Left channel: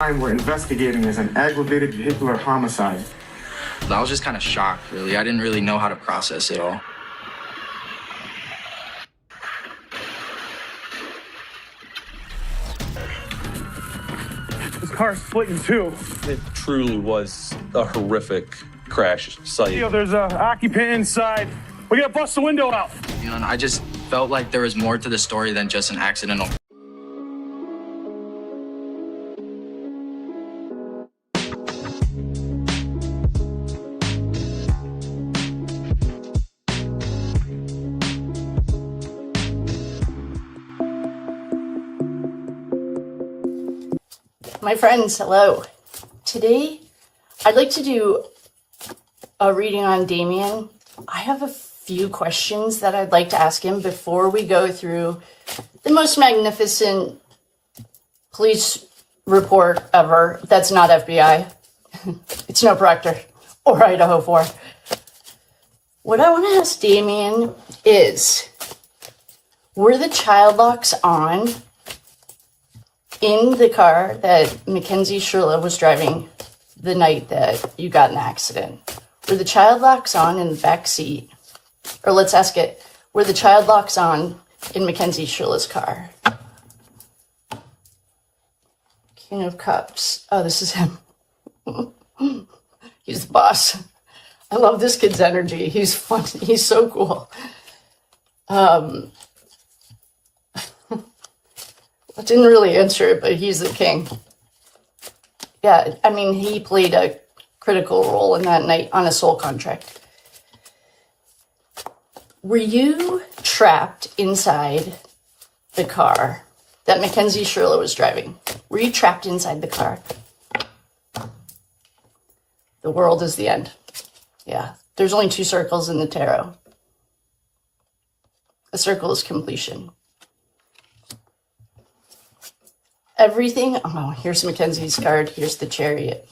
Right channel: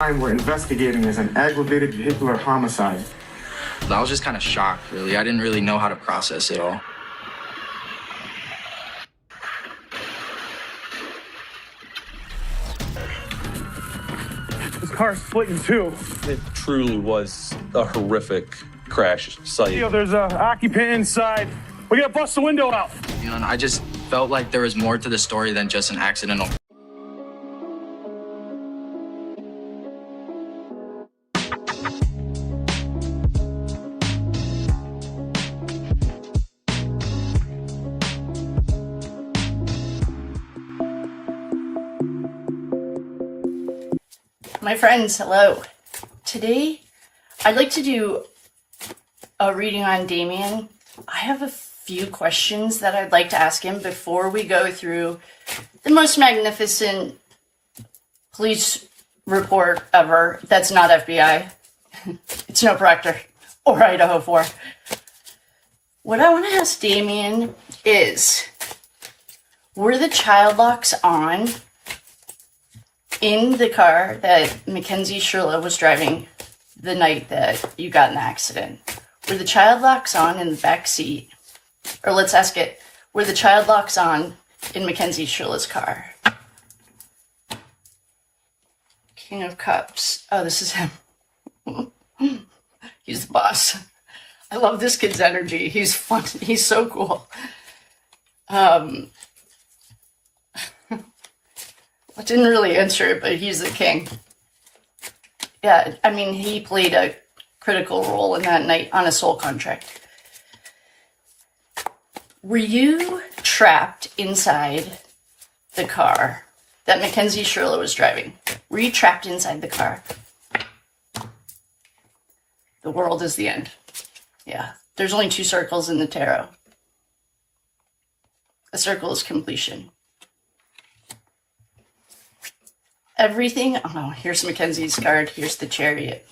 crime we're investigating is an aggravated vehicular homicide. I was just kind of shocked, really. I didn't really know how to process it all. This car's split in two. It truly was a horrific crash site. There's an occupant inside. We gotta bust the window out. You know, and I just felt like there was more to the story than just an accidental. My friends, hello. Today, I'd like to do a reading on Davion. I have a few questions that I'd like to ask him before we go through the most magnificent police report ever. That's not FBI. It's no Proctor or Idaho 4. What I want to ask Davion is, were the child locks on in the car that Mackenzie Shirilla was driving the night that you got in the accident? Were the child locks on in the back seat? Or let's ask it, were the child locks on in Mackenzie Shirilla's car? King of Cups. Oh, this is him. He's the boss. I love this kid's energy. He's fun. He's so cool. I didn't really answer it, but he's the king. Yeah, I mean, he played a critical role in that night on a soul contract. Were you trapped inside the car that Mackenzie Shirilla was driving? Were you trapped inside the car? The world is the end. Yeah, there's only 2 circles in the tarot. A circle is completion. Everything, oh, here's Mackenzie's card, here's the Chariot.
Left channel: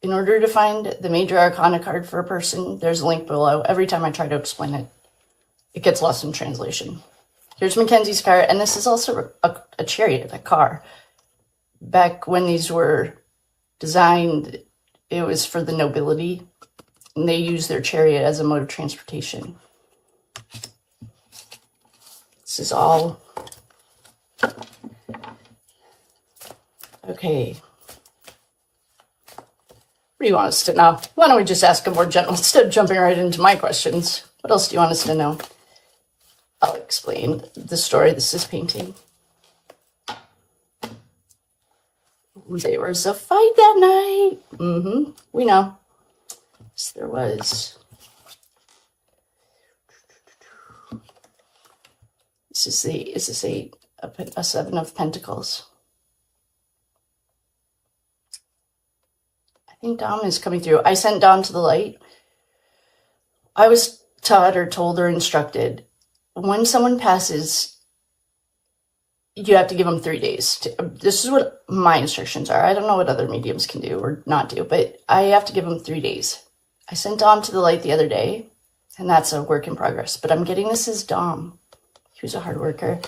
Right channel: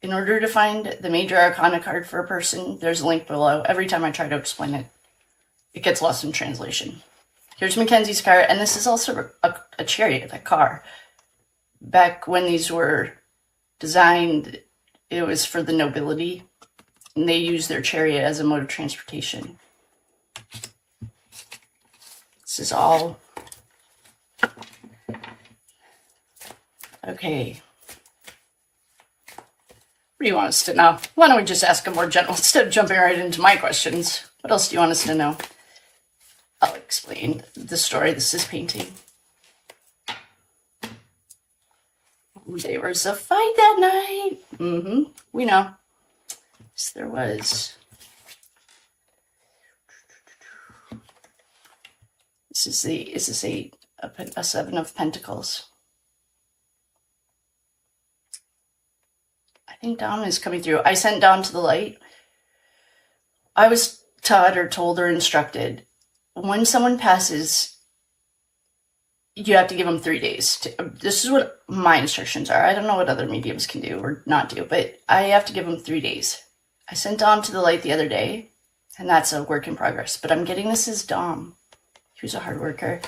In order to find the major arcana card for a person, there's a link below. Every time I try to explain it, it gets lost in translation. Here's Mackenzie's card, and this is also a Chariot, a car. Back when these were designed, it was for the nobility, and they used their chariot as a mode of transportation. This is all... Okay. What do you want us to know? Why don't we just ask a more general instead of jumping right into my questions? What else do you want us to know? I'll explain the story this is painting. There was a fight that night. We know. Yes, there was. This is a 7 of Pentacles. I think Dom is coming through. I sent Dom to the light. I was taught or told or instructed, when someone passes, you have to give them 3 days. This is what my instructions are. I don't know what other mediums can do or not do, but I have to give them 3 days. I sent Dom to the light the other day, and that's a work in progress. But I'm getting this as Dom. He was a hard worker.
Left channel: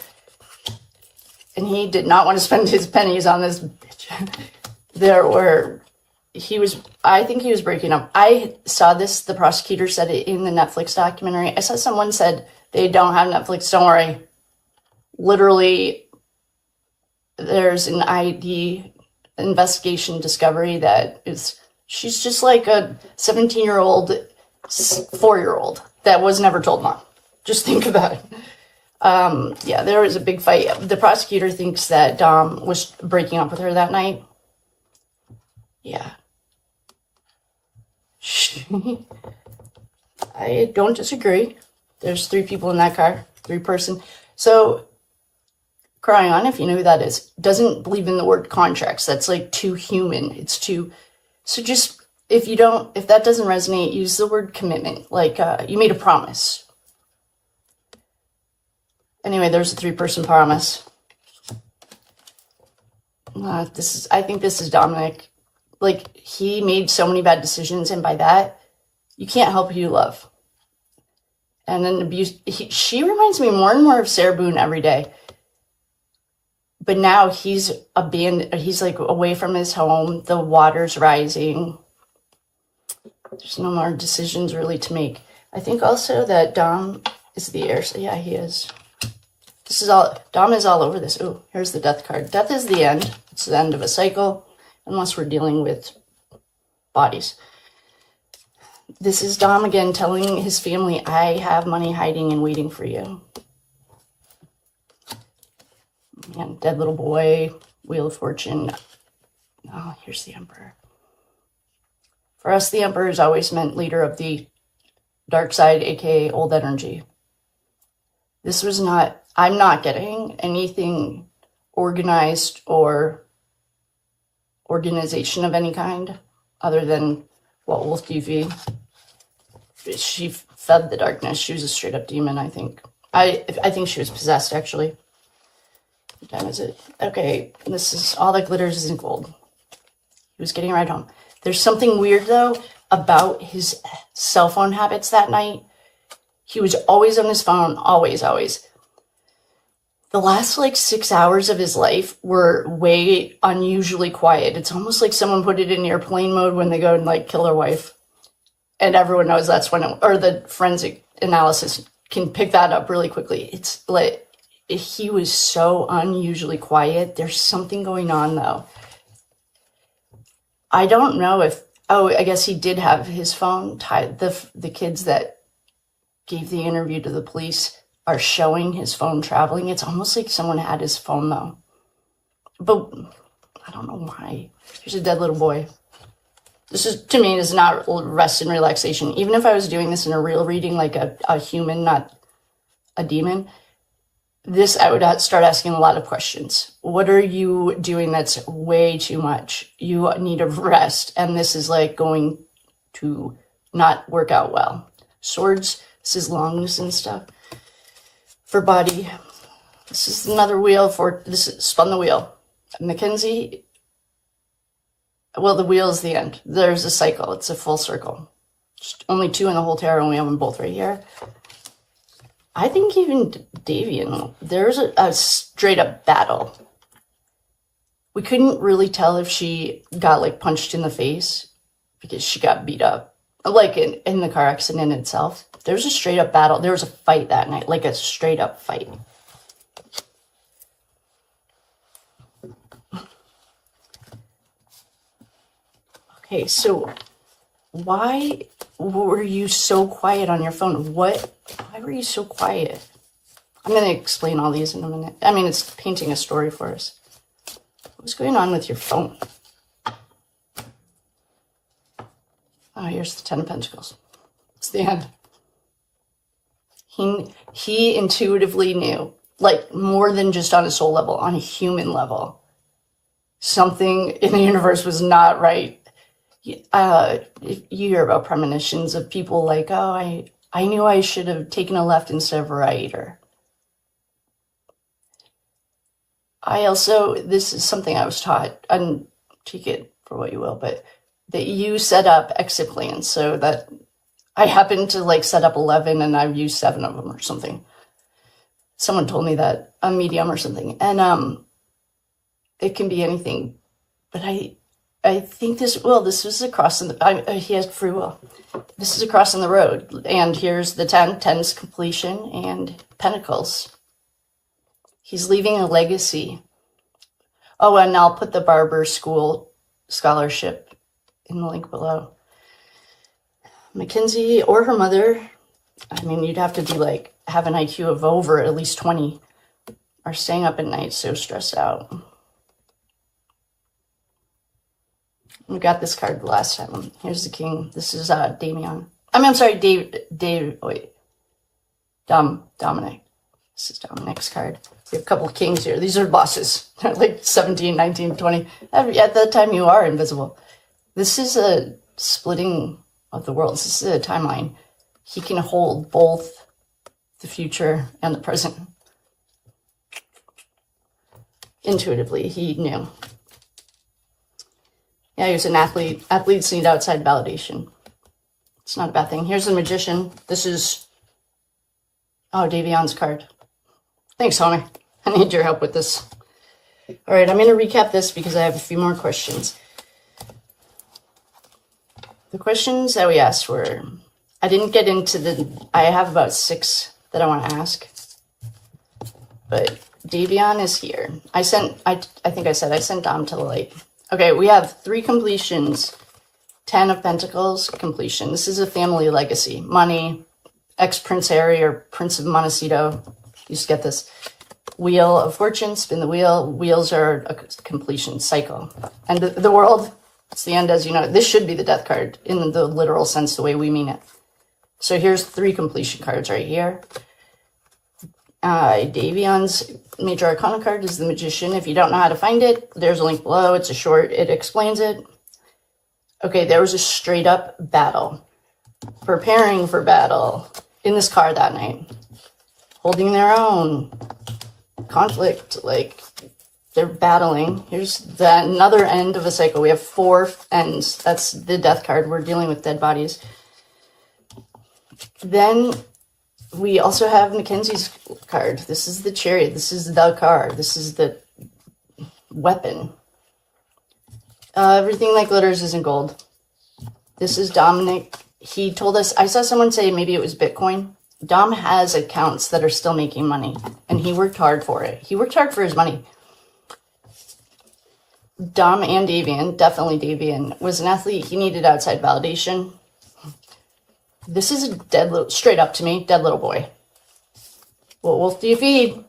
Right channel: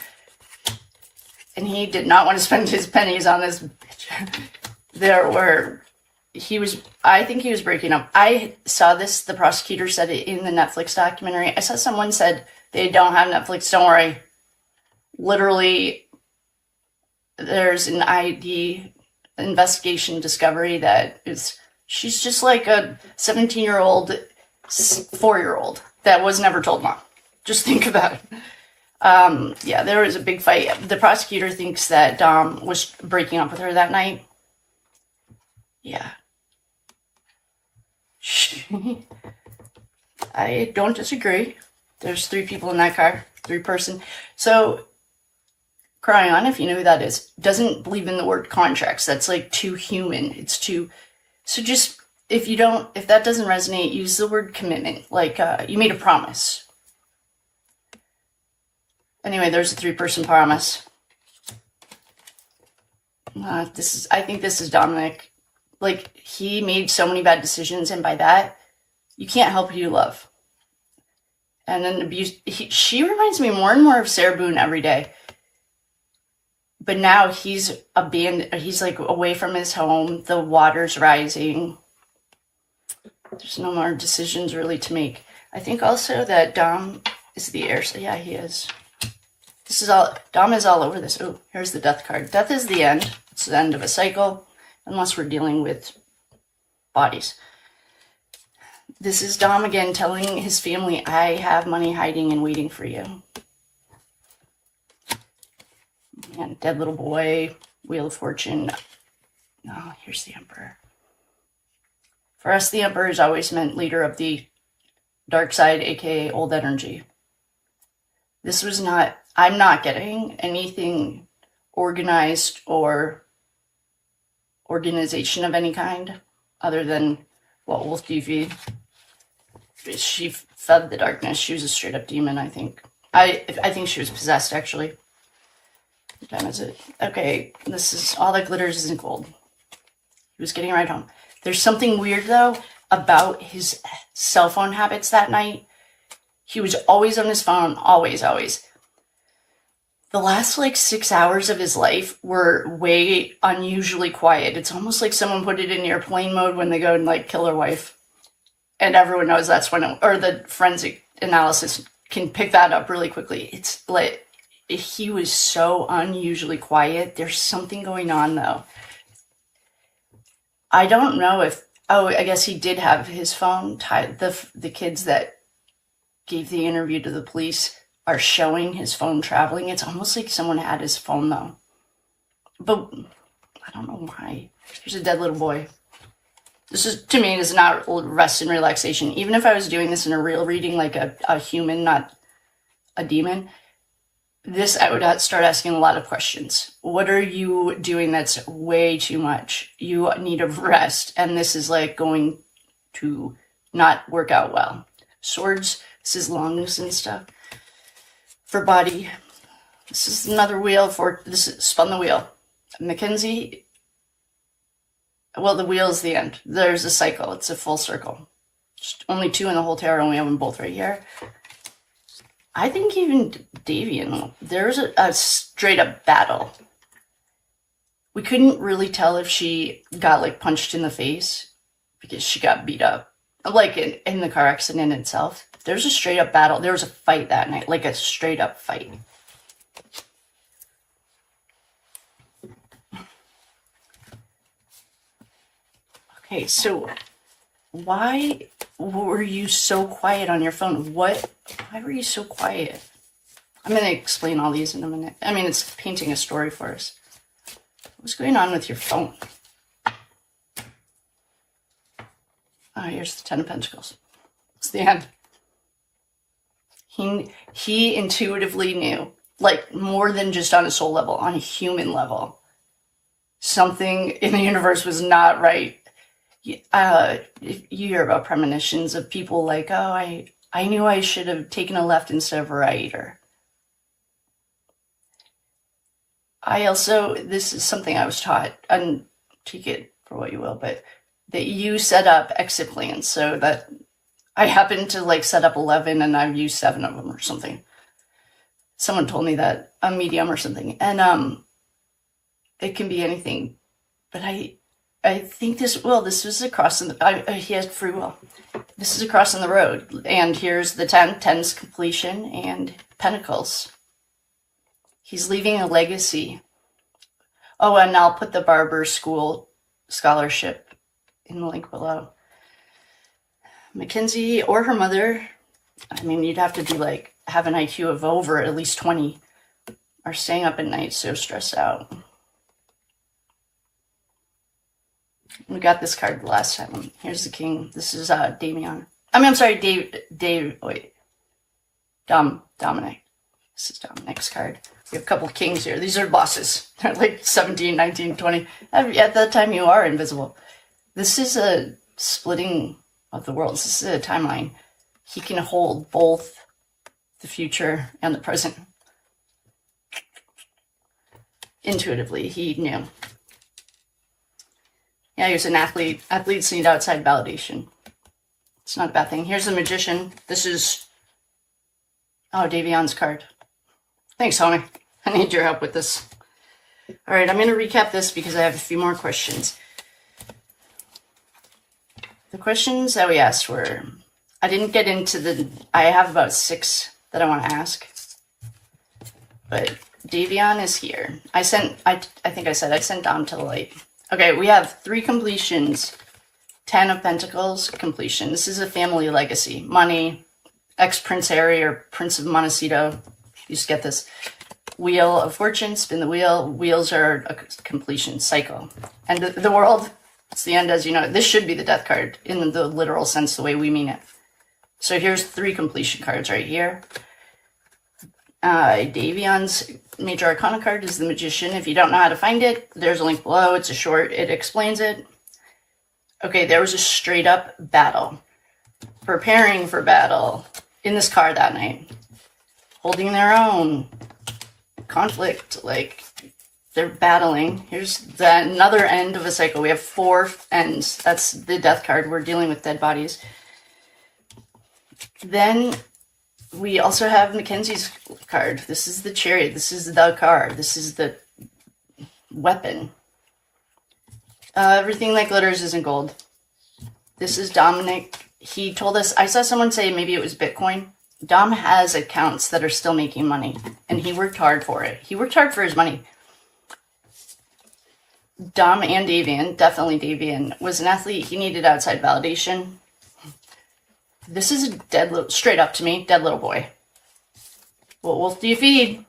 And he did not want to spend his pennies on this bitch. I think he was breaking up. I saw this, the prosecutor said it in the Netflix documentary. I saw someone said, they don't have Netflix, don't worry. Literally, there's an ID investigation discovery that she's just like a 17-year-old, 4-year-old that was never told mom. Just think about it. Yeah, there was a big fight. The prosecutor thinks that Dom was breaking up with her that night. Yeah. I don't disagree. There's 3 people in that car, 3-person. So, crying on, if you know who that is, doesn't believe in the word contracts. That's like too human. It's too... So just, if that doesn't resonate, use the word commitment. Like, you made a promise. Anyway, there's a 3-person promise. I think this is Dominic. Like, he made so many bad decisions, and by that, you can't help who you love. And then she reminds me more and more of Sarah Boone every day. but now he's abandoned. He's like away from his home. The water's rising. There's no more decisions really to make. I think also that Dom is the heir. So yeah, he is. This is all, Dom is all over this. Oh, here's the death card. Death is the end. It's the end of a cycle, unless we're dealing with bodies. This is Dom again telling his family, I have money hiding and waiting for you. Man, dead little boy, Wheel of Fortune. Oh, here's the Emperor. For us, the Emperor has always meant leader of the dark side, aka old energy. This was not, I'm not getting anything organized or organization of any kind other than what Wolf TV. She fed the darkness. She was a straight up demon, I think. I think she was possessed, actually. What time is it? Okay, this is all that glitters isn't gold. He was getting right home. There's something weird, though, about his cell phone habits that night. He was always on his phone, always, always. The last, 6 hours of his life were way unusually quiet. It's almost like someone put it in airplane mode when they go and, kill their wife. And everyone knows that's when, or the forensic analysis can pick that up really quickly. It's like, he was so unusually quiet. There's something going on, though. I don't know if, I guess he did have his phone tied. The kids that gave the interview to the police are showing his phone traveling. It's almost like someone had his phone, though. But I don't know why. Here's a dead little boy. This is, to me, is not rest and relaxation. Even if I was doing this in a real reading, like a human, not a demon, this, I would start asking a lot of questions. What are you doing that's way too much? You need a rest, and this is going to not work out well. Swords, this is lungs and stuff. For body, this is another wheel for, this is, spun the wheel. Mackenzie, well, the wheel is the end. There's a cycle. It's a full circle. Just only two in the whole tarot, and we have them both right here. I think even Davion, there's a straight up battle. We couldn't really tell if she got punched in the face because she got beat up. In the car accident itself. There's a straight up battle. There was a fight that night, a straight up fight. Okay, so why were you so quiet on your phone? Why were you so quiet? I'm going to explain all these in a minute. I mean, it's painting a story for us. What's going on with your phone? Oh, here's the Ten of Pentacles. It's the end. He intuitively knew, more than just on a soul level, on a human level, something in the universe was not right. You hear about premonitions of people I knew I should have taken a left instead of a right, or this is something I was taught, and take it for what you will, but that you set up exit plans, so that I happened to set up 11 and I've used 7 of them or something. Someone told me that, a medium or something, and it can be anything, but I think this was across in the, he has free will. This is across in the road. And here's the 10. 10's completion and Pentacles. He's leaving a legacy. Oh, and I'll put the barber school scholarship in the link below. Mackenzie or her mother, I mean, you'd have to be have an IQ of over at least 20, are staying up at night so stressed out. We got this card the last time. Here's the King. This is Davion. I'm sorry, Dominic. This is Dominic's card. We have a couple of kings here. These are bosses. They're 17, 19, 20. At that time, you are invisible. This is a splitting of the worlds. This is a timeline. He can hold both the future and the present. Intuitively, he knew. Yeah, he was an athlete. Athletes need outside validation. It's not a bad thing. Here's the Magician. This is, Davion's card. Thanks, homie. I need your help with this. All right, I'm going to recap this because I have a few more questions. The questions that we asked were, I didn't get into I have about 6 that I want to ask. But Davion is here. I think I said I sent Dom to the light. Okay, we have 3 completions. 10 of Pentacles, completion. This is a family legacy. Money, ex-Prince Harry or Prince of Montecito. You just get this. Wheel of Fortune, spin the wheel. Wheels are a completion cycle. And the world, it's the end as you know it. This should be the death card in the literal sense, the way we mean it. So here's 3 completion cards right here. Davion's Major Arcana card is the Magician. If you don't know how to find it, there's a link below. It's a short. It explains it. Okay, there was a straight up battle. Preparing for battle in this car that night. Holding their own. Conflict, like they're battling. Here's another end of a cycle. We have 4 ends. That's the death card. We're dealing with dead bodies. Then we also have Mackenzie's card. This is the Chariot. This is the car. This is the weapon. Everything that glitters isn't gold. This is Dominic. He told us, I saw someone say maybe it was Bitcoin. Dom has accounts that are still making money, and he worked hard for it. He worked hard for his money. Dom and Davion, definitely Davion, was an athlete. He needed outside validation. This is a dead little, straight up to me, dead little boy. What wolf do you feed?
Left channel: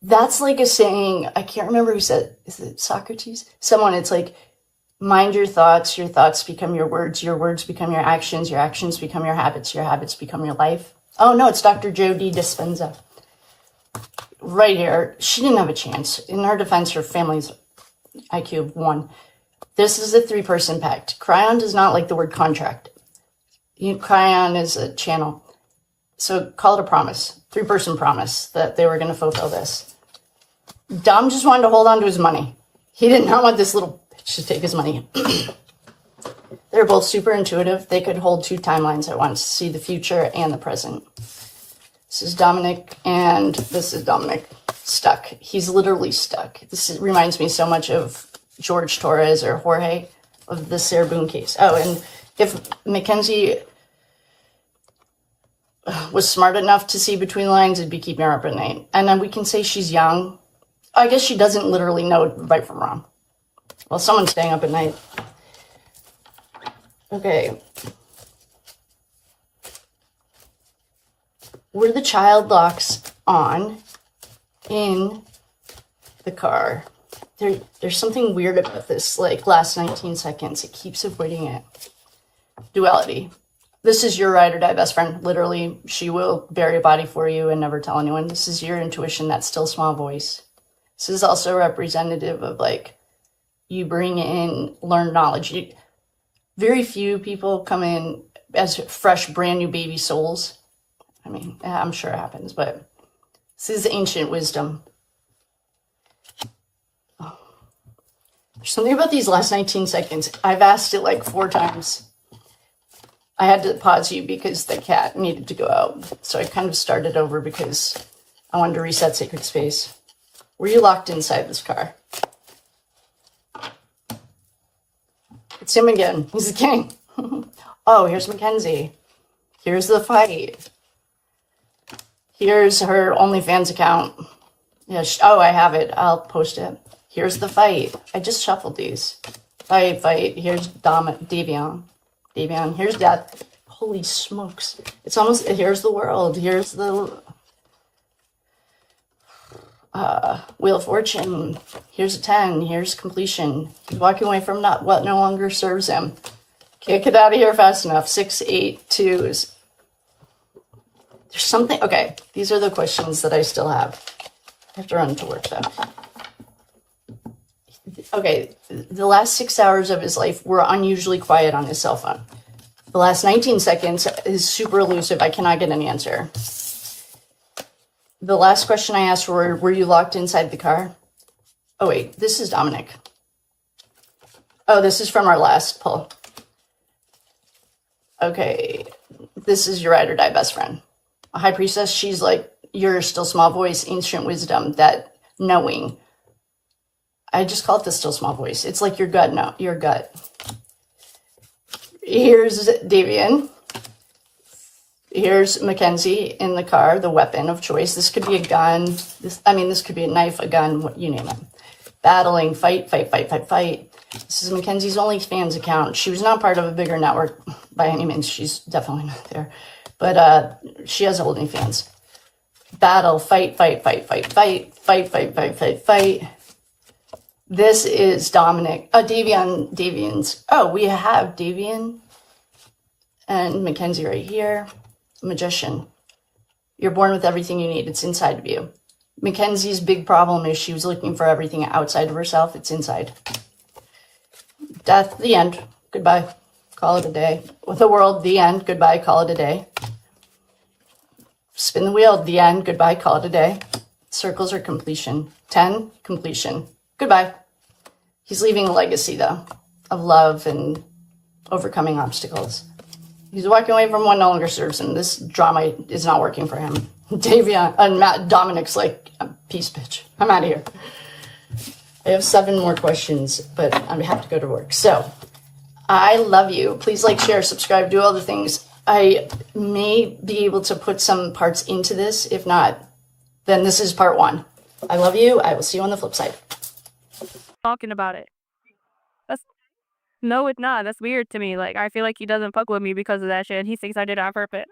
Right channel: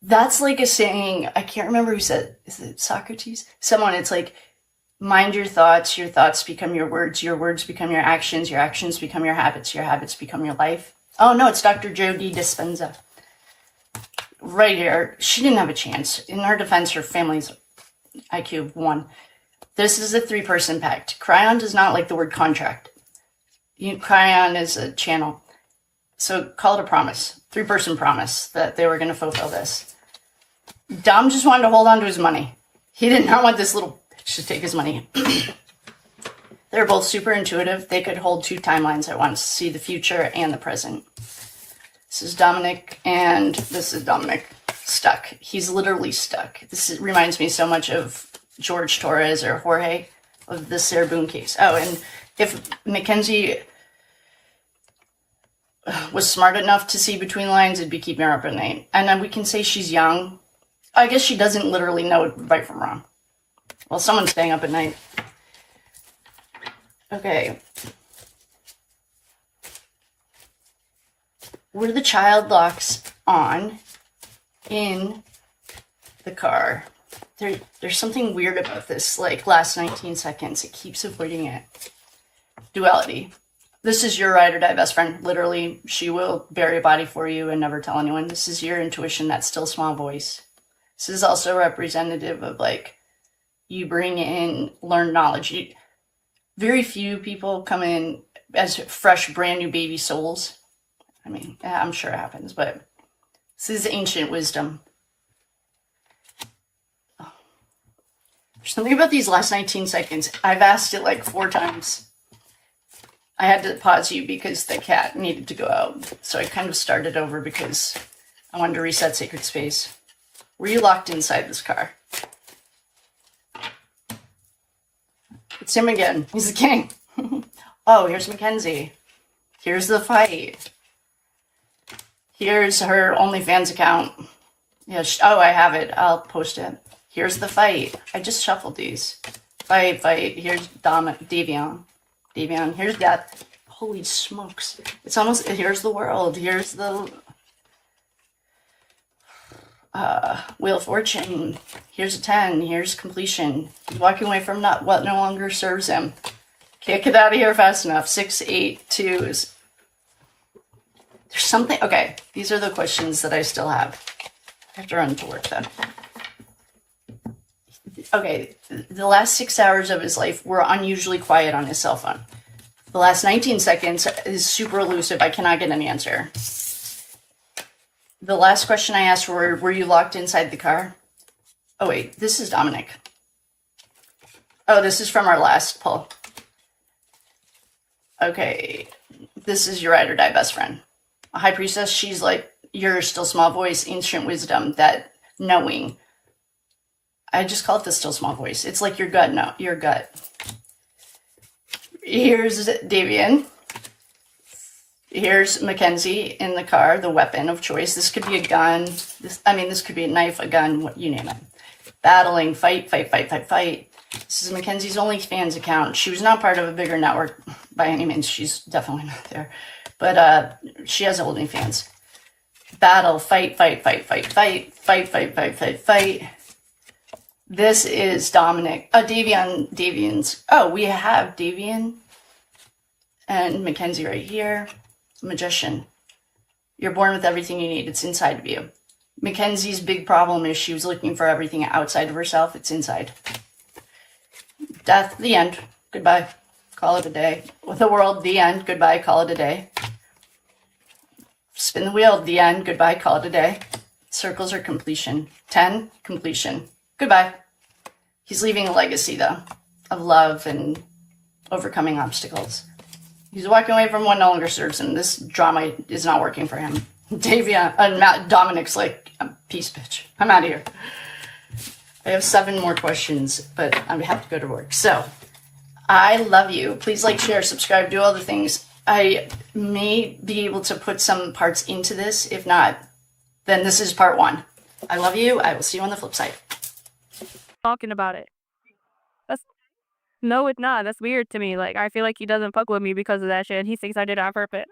That's like a saying, I can't remember who said, is it Socrates? Someone, it's like, mind your thoughts become your words become your actions become your habits become your life. Oh no, it's Dr. Jody Dispenza. Right here, she didn't have a chance. In her defense, her family's IQ of 1. This is a 3-person pact. Cryon does not like the word contract. Cryon is a channel. So call it a promise. 3-person promise that they were going to fulfill this. Dom just wanted to hold on to his money. He did not want this little bitch to take his money. They're both super intuitive. They could hold 2 timelines at once, see the future and the present. This is Dominic, and this is Dominic stuck. He's literally stuck. Reminds me so much of George Torres or Jorge of the Sarah Boone case. Oh, and if Mackenzie was smart enough to see between the lines, it'd be keeping her up at night. And then we can say she's young. I guess she doesn't literally know right from wrong. Well, someone's staying up at night. Okay. Were the child locks on in the car? There's something weird about this, like last 19 seconds. It keeps avoiding it. Duality. This is your ride or die best friend. Literally, she will bury a body for you and never tell anyone. This is your intuition, that still small voice. This is also representative of like, you bring in learned knowledge. Very few people come in as fresh, brand new baby souls. I mean, I'm sure it happens, but this is ancient wisdom. Oh. There's something about these last 19 seconds. I've asked it like 4 times. I had to pause you because the cat needed to go out. So I kind of started over because I wanted to reset sacred space. Were you locked inside this car? It's him again. He's the king. Oh, here's Mackenzie. Here's the fight. Here's her OnlyFans account. Yeah. Oh, I have it. I'll post it. Here's the fight. I just shuffled these. Fight. Here's Davion. Here's death. Holy smokes. It's almost, here's the world. Here's the Wheel of Fortune. Here's a 10. Here's completion. He's walking away from what no longer serves him. Can't get out of here fast enough. 6, 8, 2s. There's something. Okay, these are the questions that I still have. I have to run to work though. Okay, the last 6 hours of his life were unusually quiet on his cell phone. The last 19 seconds is super elusive. I cannot get an answer. The last question I asked were you locked inside the car? Oh wait, this is Dominic. Oh, this is from our last poll. Okay, this is your ride or die best friend. A high priestess, she's like your still small voice, ancient wisdom, that knowing. I just call it the still small voice. It's like your gut. No, your gut. Here's Davion. Here's Mackenzie in the car, the weapon of choice. This could be a gun. This could be a knife, a gun, you name it. Battling, fight. This is Mackenzie's OnlyFans account. She was not part of a bigger network by any means. She's definitely not there. But she has OnlyFans. Battle, fight. This is Davion's. Oh, we have Davion and Mackenzie right here. Magician. You're born with everything you need. It's inside of you. Mackenzie's big problem is she was looking for everything outside of herself. It's inside. Death, the end. Goodbye. Call it a day. With the world, the end. Goodbye. Call it a day. Spin the wheel, the end. Goodbye. Call it a day. Circles are completion. 10, completion. Goodbye. He's leaving a legacy, though, of love and overcoming obstacles. He's walking away from what no longer serves him. This drama is not working for him. Davion and Dominic's like, peace, bitch. I'm out of here. I have 7 more questions, but I have to go to work. So, I love you. Please like, share, subscribe, do all the things. I may be able to put some parts into this. If not, then this is part 1. I love you. I will see you on the flip side. Talking about it. No, it's not. That's weird to me. Like, I feel like he doesn't fuck with me because of that shit. He thinks I did it on purpose.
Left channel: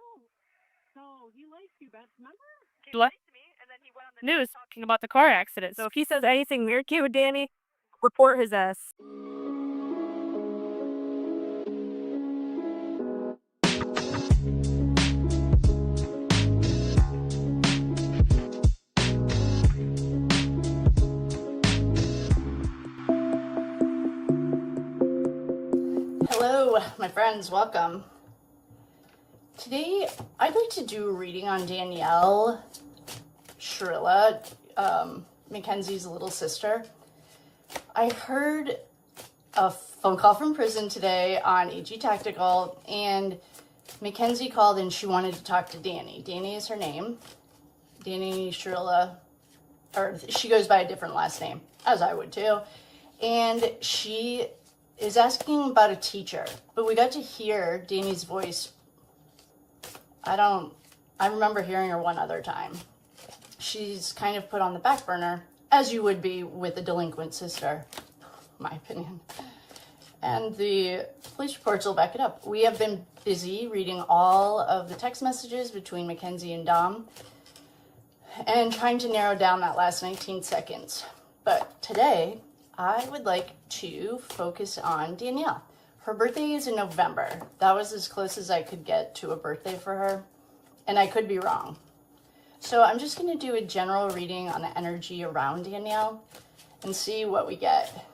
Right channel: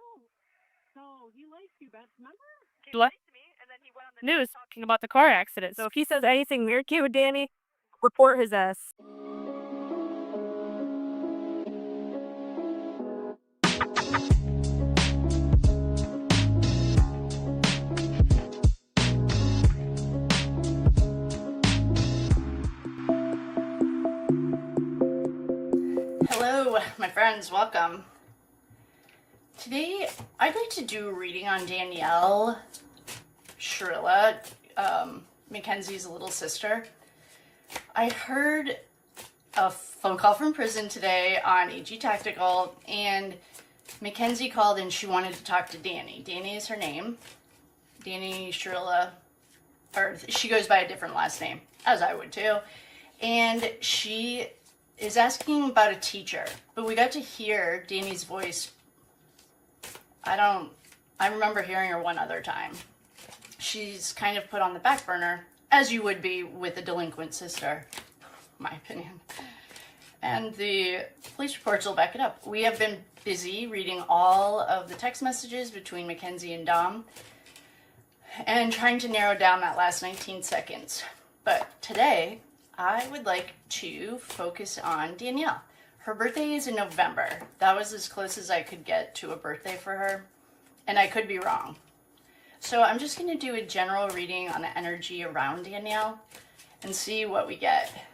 No, he likes you, Beth. Remember? He liked me, and then he went on the news talking about the car accident. So if he says anything weird to you, Danny, report his ass. Hello, my friends. Welcome. Today, I'd like to do a reading on Danielle Shirilla, Mackenzie's little sister. I heard a phone call from prison today on AG Tactical, and Mackenzie called and she wanted to talk to Danny. Danny is her name. Danny Shirilla, or she goes by a different last name, as I would too. And she is asking about a teacher, but we got to hear Danny's voice. I remember hearing her one other time. She's kind of put on the back burner, as you would be with a delinquent sister, my opinion. And the police reports will back it up. We have been busy reading all of the text messages between Mackenzie and Dom and trying to narrow down that last 19 seconds. But today, I would like to focus on Danielle. Her birthday is in November. That was as close as I could get to a birthday for her, and I could be wrong. So I'm just going to do a general reading on the energy around Danielle and see what we get.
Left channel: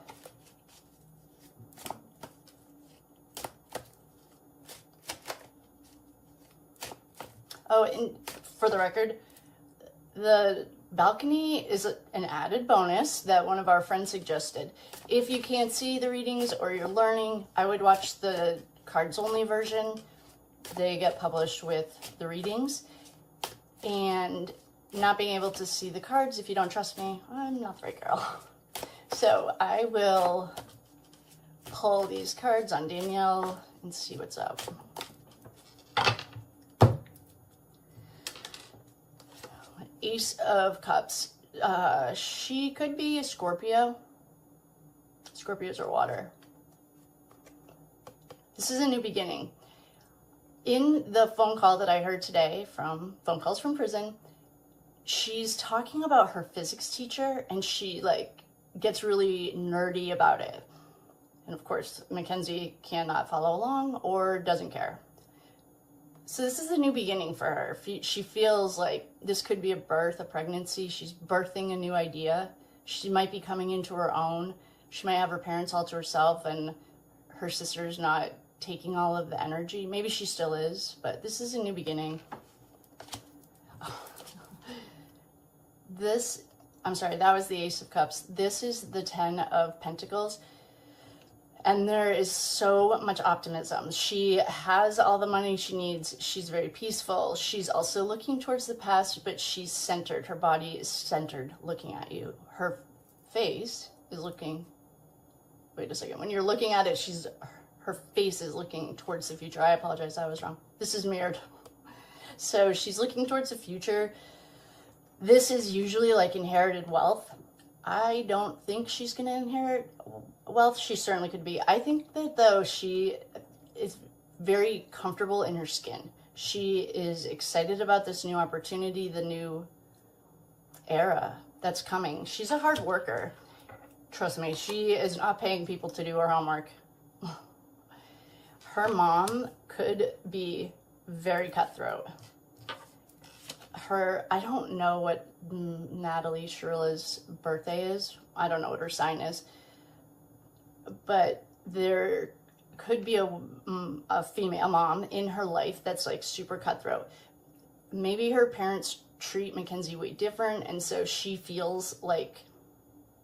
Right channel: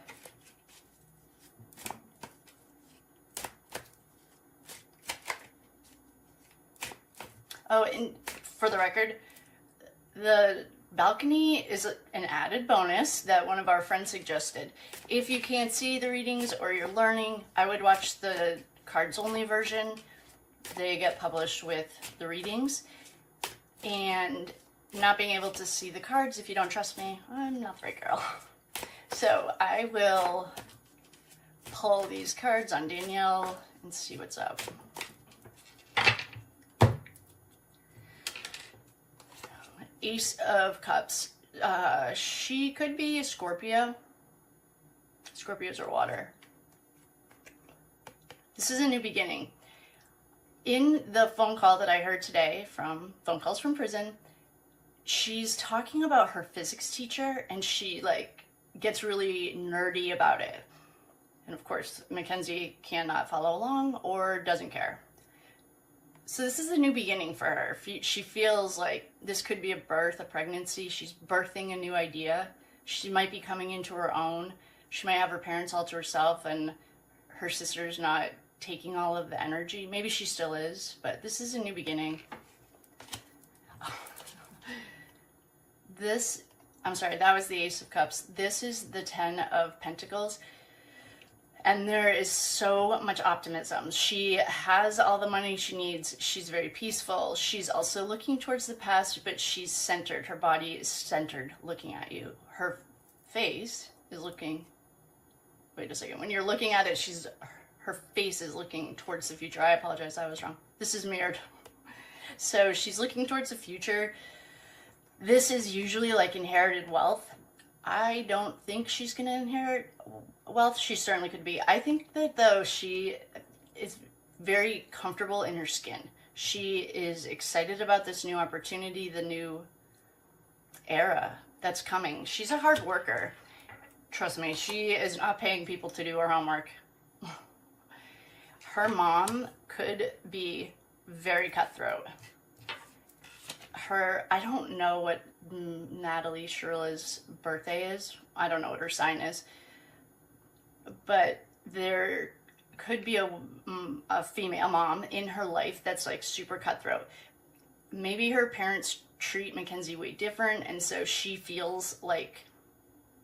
Oh, and for the record, the balcony is an added bonus that one of our friends suggested. If you can't see the readings or you're learning, I would watch the cards only version. They get published with the readings. And not being able to see the cards, if you don't trust me, I'm not the right girl. So I will pull these cards on Danielle and see what's up. Ace of Cups. She could be a Scorpio. Scorpios are water. This is a new beginning. In the phone call that I heard today from Phone Calls from Prison, she's talking about her physics teacher and she gets really nerdy about it. And of course, Mackenzie cannot follow along or doesn't care. So this is a new beginning for her. She feels like this could be a birth, a pregnancy. She's birthing a new idea. She might be coming into her own. She might have her parents all to herself and her sister's not taking all of the energy. Maybe she still is, but this is a new beginning. I'm sorry, that was the Ace of Cups. This is the 10 of Pentacles. And there is so much optimism. She has all the money she needs. She's very peaceful. She's also looking towards the past, but she's centered. Her body is centered, looking at you. Her face is looking, wait a second. When you're looking at it, her face is looking towards the future. I apologize, I was wrong. This is mirrored. So she's looking towards the future. This is usually like inherited wealth. I don't think she's going to inherit wealth. She certainly could be. I think that though she is very comfortable in her skin. She is excited about this new opportunity, the new era that's coming. She's a hard worker. Trust me, she is not paying people to do her homework. Her mom could be very cutthroat. I don't know what Natalie Shirilla's birthday is. I don't know what her sign is. But there could be a female mom in her life that's like super cutthroat. Maybe her parents treat Mackenzie way different, and so she feels like,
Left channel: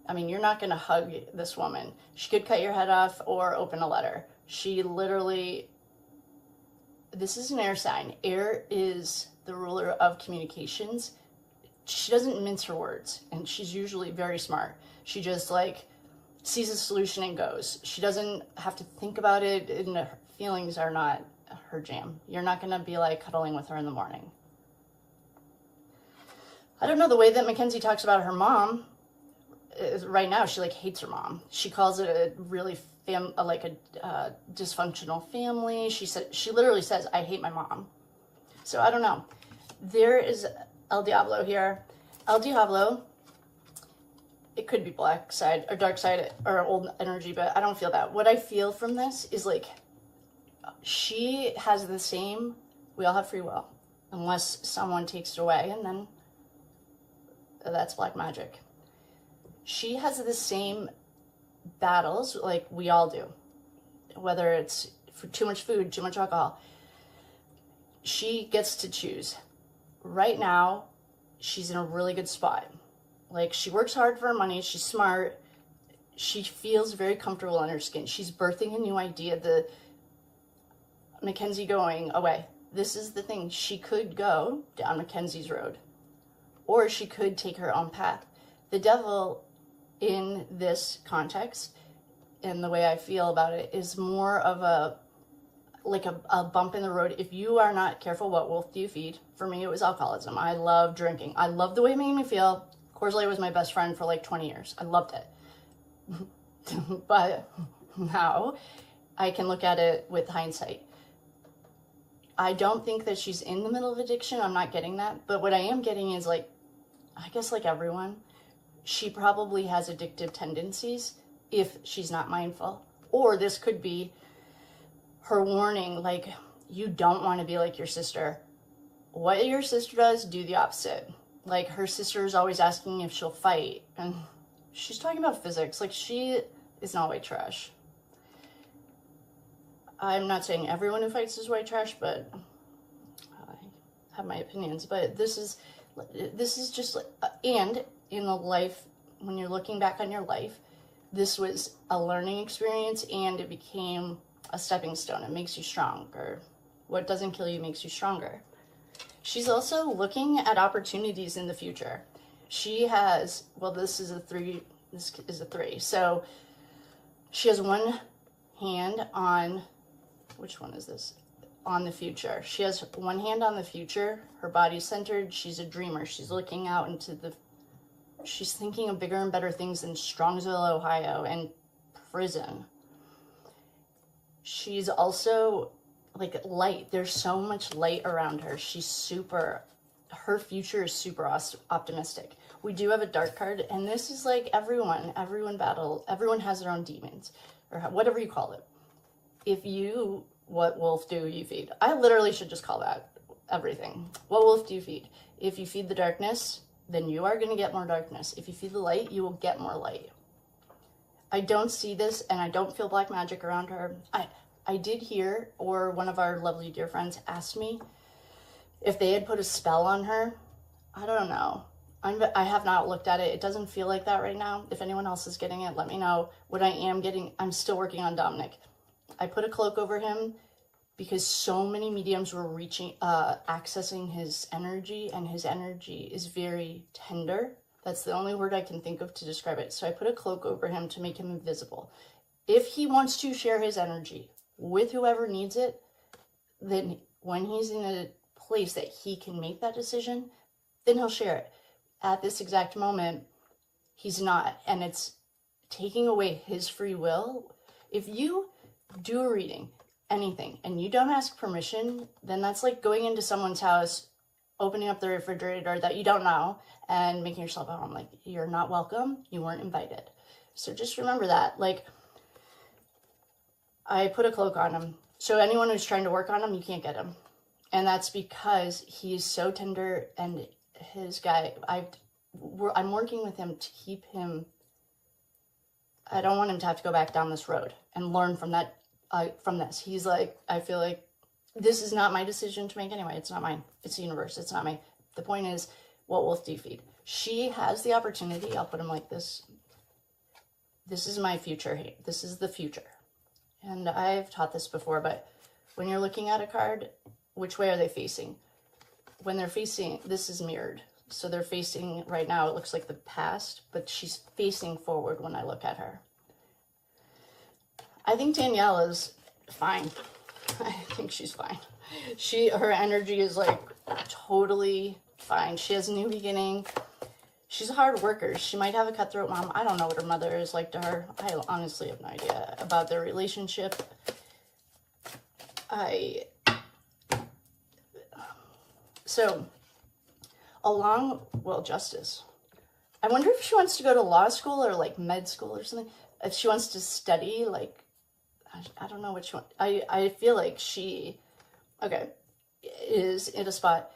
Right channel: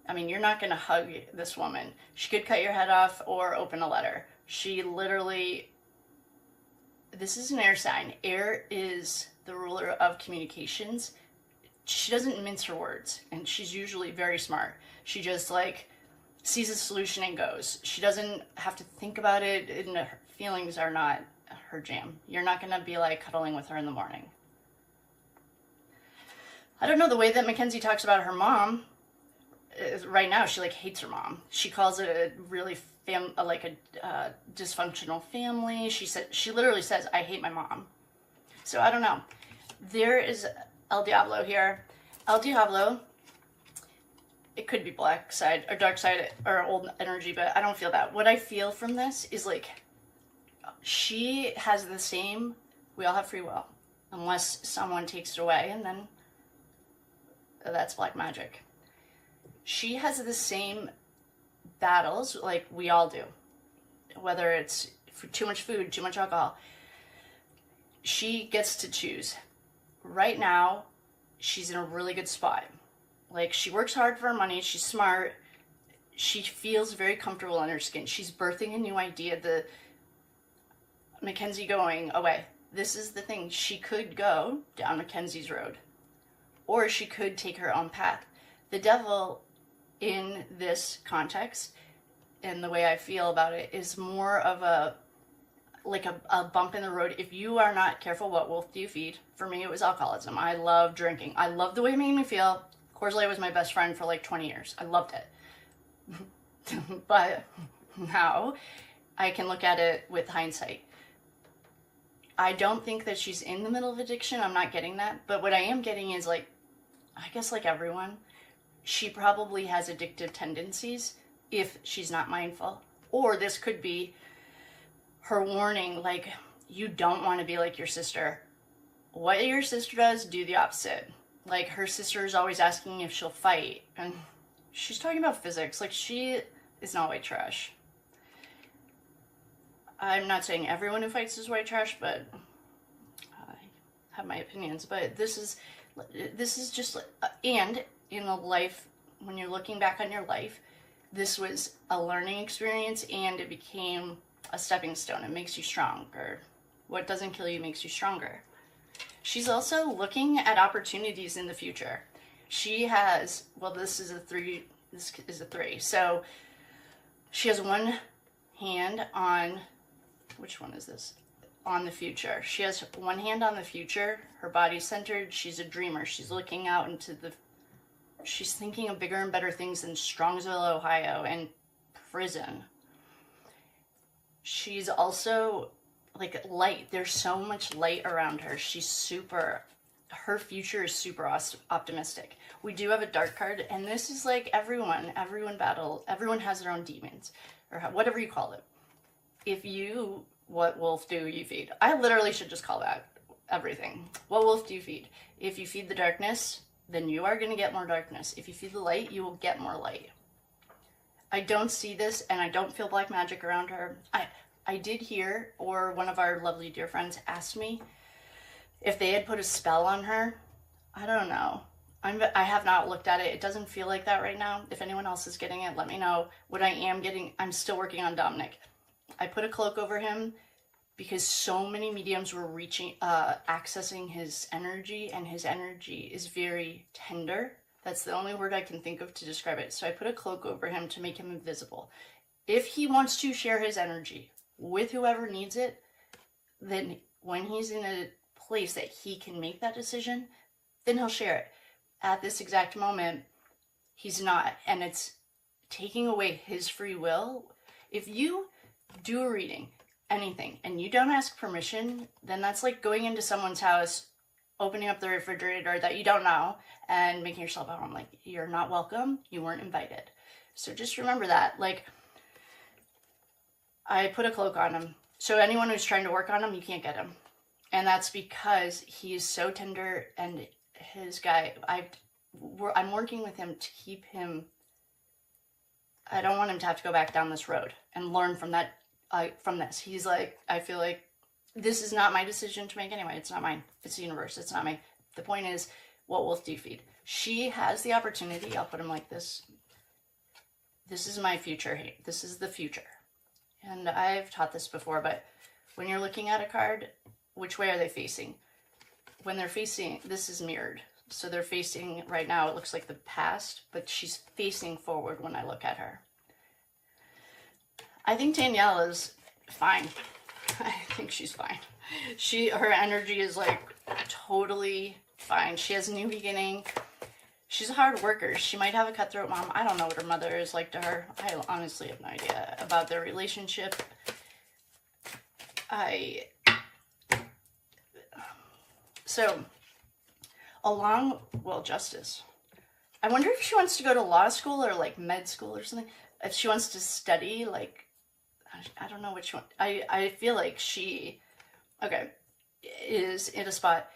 I mean, you're not going to hug this woman. She could cut your head off or open a letter. She literally, this is an air sign. Air is the ruler of communications. She doesn't mince her words, and she's usually very smart. She just like sees a solution and goes. She doesn't have to think about it, and her feelings are not her jam. You're not going to be like cuddling with her in the morning. I don't know, the way that Mackenzie talks about her mom, right now she like hates her mom. She calls it a really dysfunctional family. She literally says, I hate my mom. So I don't know. There is El Diablo here. El Diablo, it could be black side or dark side or old energy, but I don't feel that. What I feel from this is like, she has the same, we all have free will, unless someone takes it away, and then that's black magic. She has the same battles like we all do, whether it's for too much food, too much alcohol. She gets to choose. Right now, she's in a really good spot. Like, she works hard for her money. She's smart. She feels very comfortable in her skin. She's birthing a new idea. The Mackenzie going away. This is the thing. She could go down Mackenzie's road, or she could take her own path. The devil in this context, and the way I feel about it, is more of a bump in the road. If you are not careful, what wolf do you feed? For me, it was alcoholism. I love drinking. I love the way it made me feel. Coors Light was my best friend for like 20 years. I loved it. But now I can look at it with hindsight. I don't think that she's in the middle of addiction. I'm not getting that. But what I am getting is, like, I guess like everyone, she probably has addictive tendencies if she's not mindful. Or this could be her warning, like, you don't want to be like your sister. What your sister does, do the opposite. Like, her sister is always asking if she'll fight, and she's talking about physics. Like, she is not white trash. I'm not saying everyone who fights is white trash, but I have my opinions. But this is just, and in the life, when you're looking back on your life, this was a learning experience, and it became a stepping stone. It makes you stronger. What doesn't kill you makes you stronger. She's also looking at opportunities in the future. She has, well, this is a three. So she has one hand on, which one is this? On the future. She has one hand on the future. Her body's centered. She's a dreamer. She's looking out into she's thinking of bigger and better things than Strongsville, Ohio, and prison. She's also like light. There's so much light around her. Her future is super optimistic. We do have a dark card, and this is like everyone has their own demons, or whatever you call it. What wolf do you feed? I literally should just call that everything. What wolf do you feed? If you feed the darkness, then you are going to get more darkness. If you feed the light, you will get more light. I don't see this, and I don't feel black magic around her. I did hear, or one of our lovely dear friends asked me if they had put a spell on her. I don't know. I have not looked at it. It doesn't feel like that right now. If anyone else is getting it, let me know. What I am getting, I'm still working on Dominic. I put a cloak over him because so many mediums were accessing his energy, and his energy is very tender. That's the only word I can think of to describe it. So I put a cloak over him to make him invisible. If he wants to share his energy with whoever needs it, then when he's in a place that he can make that decision, then he'll share it. At this exact moment, he's not, and it's taking away his free will. If you do a reading, anything, and you don't ask permission, then that's like going into someone's house, opening up the refrigerator that you don't know, and making yourself at home. Like, you're not welcome, you weren't invited. So just remember that. Like, I put a cloak on him, so anyone who's trying to work on him, you can't get him. And that's because he's so tender, and his guy, I'm working with him to keep him. I don't want him to have to go back down this road and learn from that, from this. He's like, I feel like this is not my decision to make anyway. It's not mine. It's the universe. It's not me. The point is, what wolf do you feed? She has the opportunity. I'll put him like this. This is my future. This is the future. And I've taught this before, but when you're looking at a card, which way are they facing? When they're facing, this is mirrored. So they're facing, right now, it looks like the past, but she's facing forward when I look at her. I think Danielle is fine. I think she's fine. Her energy is like totally fine. She has a new beginning. She's a hard worker. She might have a cutthroat mom. I don't know what her mother is like to her. I honestly have no idea about their relationship. Justice. I wonder if she wants to go to law school or like med school or something. If she wants to study, like, I don't know which one. I feel like she, is in a spot.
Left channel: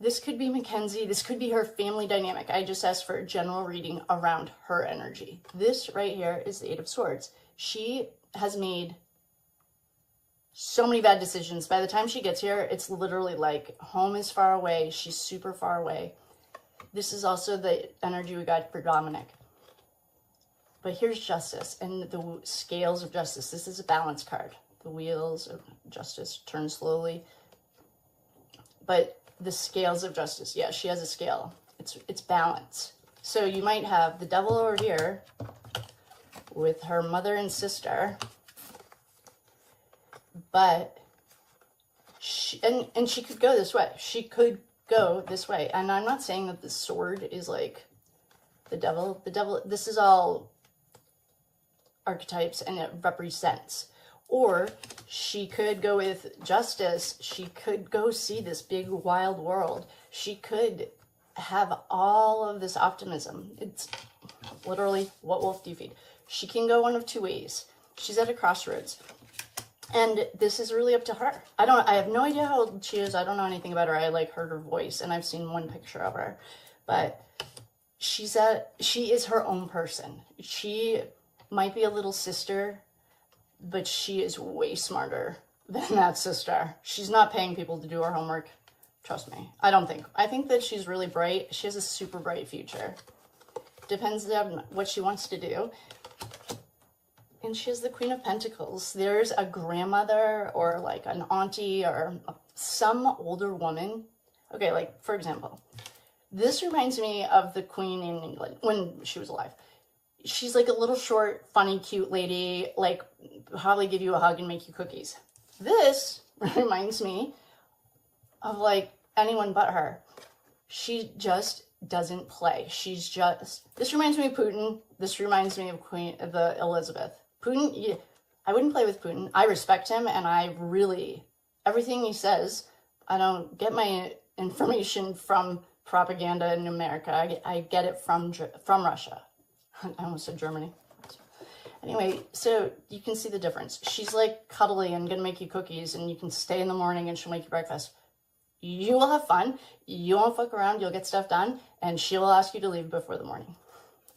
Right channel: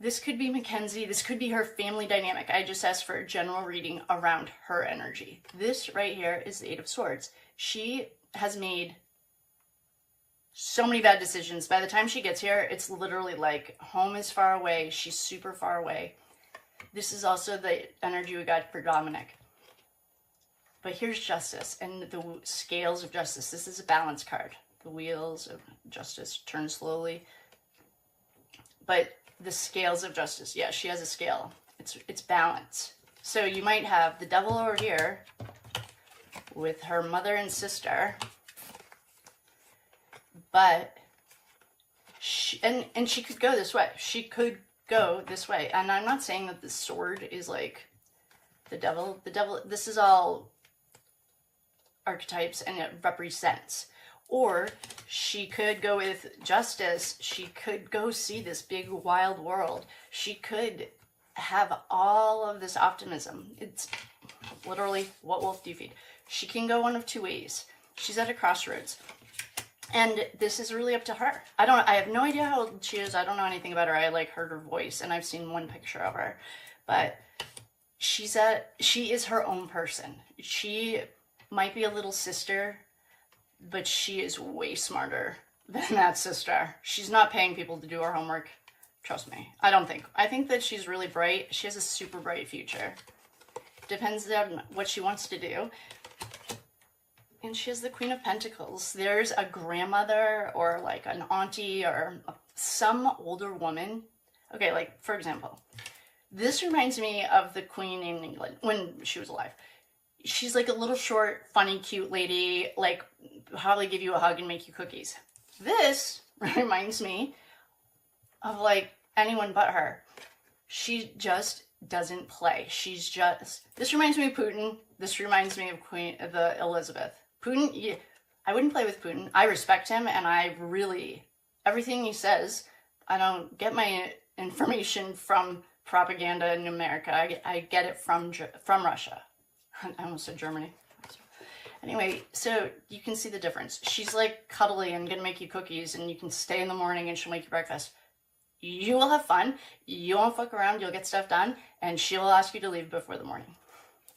This could be Mackenzie. This could be her family dynamic. I just asked for a general reading around her energy. This right here is the Eight of Swords. She has made so many bad decisions. By the time she gets here, it's literally like home is far away. She's super far away. This is also the energy we got for Dominic. But here's justice and the scales of justice. This is a balance card. The wheels of justice turn slowly. But the scales of justice, yeah, she has a scale. It's balance. So you might have the devil over here with her mother and sister. But she could go this way. She could go this way. And I'm not saying that the sword is like the devil. The devil, this is all archetypes and it represents. Or she could go with justice. She could go see this big wild world. She could have all of this optimism. It's literally, what wolf do you feed? She can go one of two ways. She's at a crossroads. And this is really up to her. I have no idea how old she is. I don't know anything about her. I like heard her voice and I've seen one picture of her. But she is her own person. She might be a little sister, but she is way smarter than that sister. She's not paying people to do her homework. Trust me. I think that she's really bright. She has a super bright future. Depends on what she wants to do. And she has the Queen of Pentacles. There's a grandmother or like an auntie or some older woman. Okay, like for example, this reminds me of the Queen in England when she was alive. She's like a little short, funny, cute lady, like probably give you a hug and make you cookies. This reminds me of like anyone but her. She just doesn't play. This reminds me of Putin. This reminds me of the Elizabeth. Putin, yeah, I wouldn't play with Putin. I respect him and everything he says, I don't get my information from propaganda in America. I get it from Russia. I almost said Germany. Anyway, so you can see the difference. She's like cuddly and gonna make you cookies and you can stay in the morning and she'll make you breakfast. You will have fun. You won't fuck around. You'll get stuff done and she will ask you to leave before the morning.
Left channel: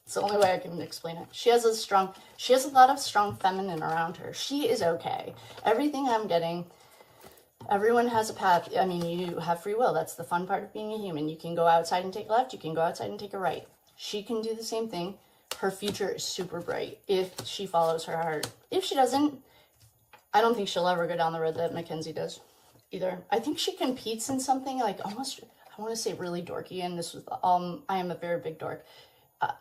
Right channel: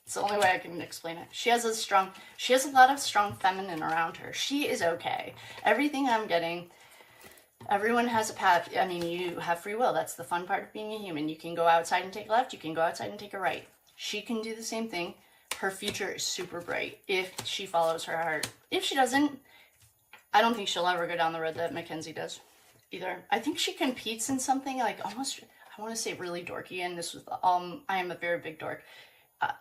It's the only way I can explain it. She has a lot of strong feminine around her. She is okay. Everything I'm getting Everyone has a path. I mean, you have free will. That's the fun part of being a human. You can go outside and take a left. You can go outside and take a right. She can do the same thing. Her future is super bright if she follows her heart. If she doesn't, I don't think she'll ever go down the road that Mackenzie does either. I think she competes in something like almost, I want to say really dorky, and this was, I am a very big dork.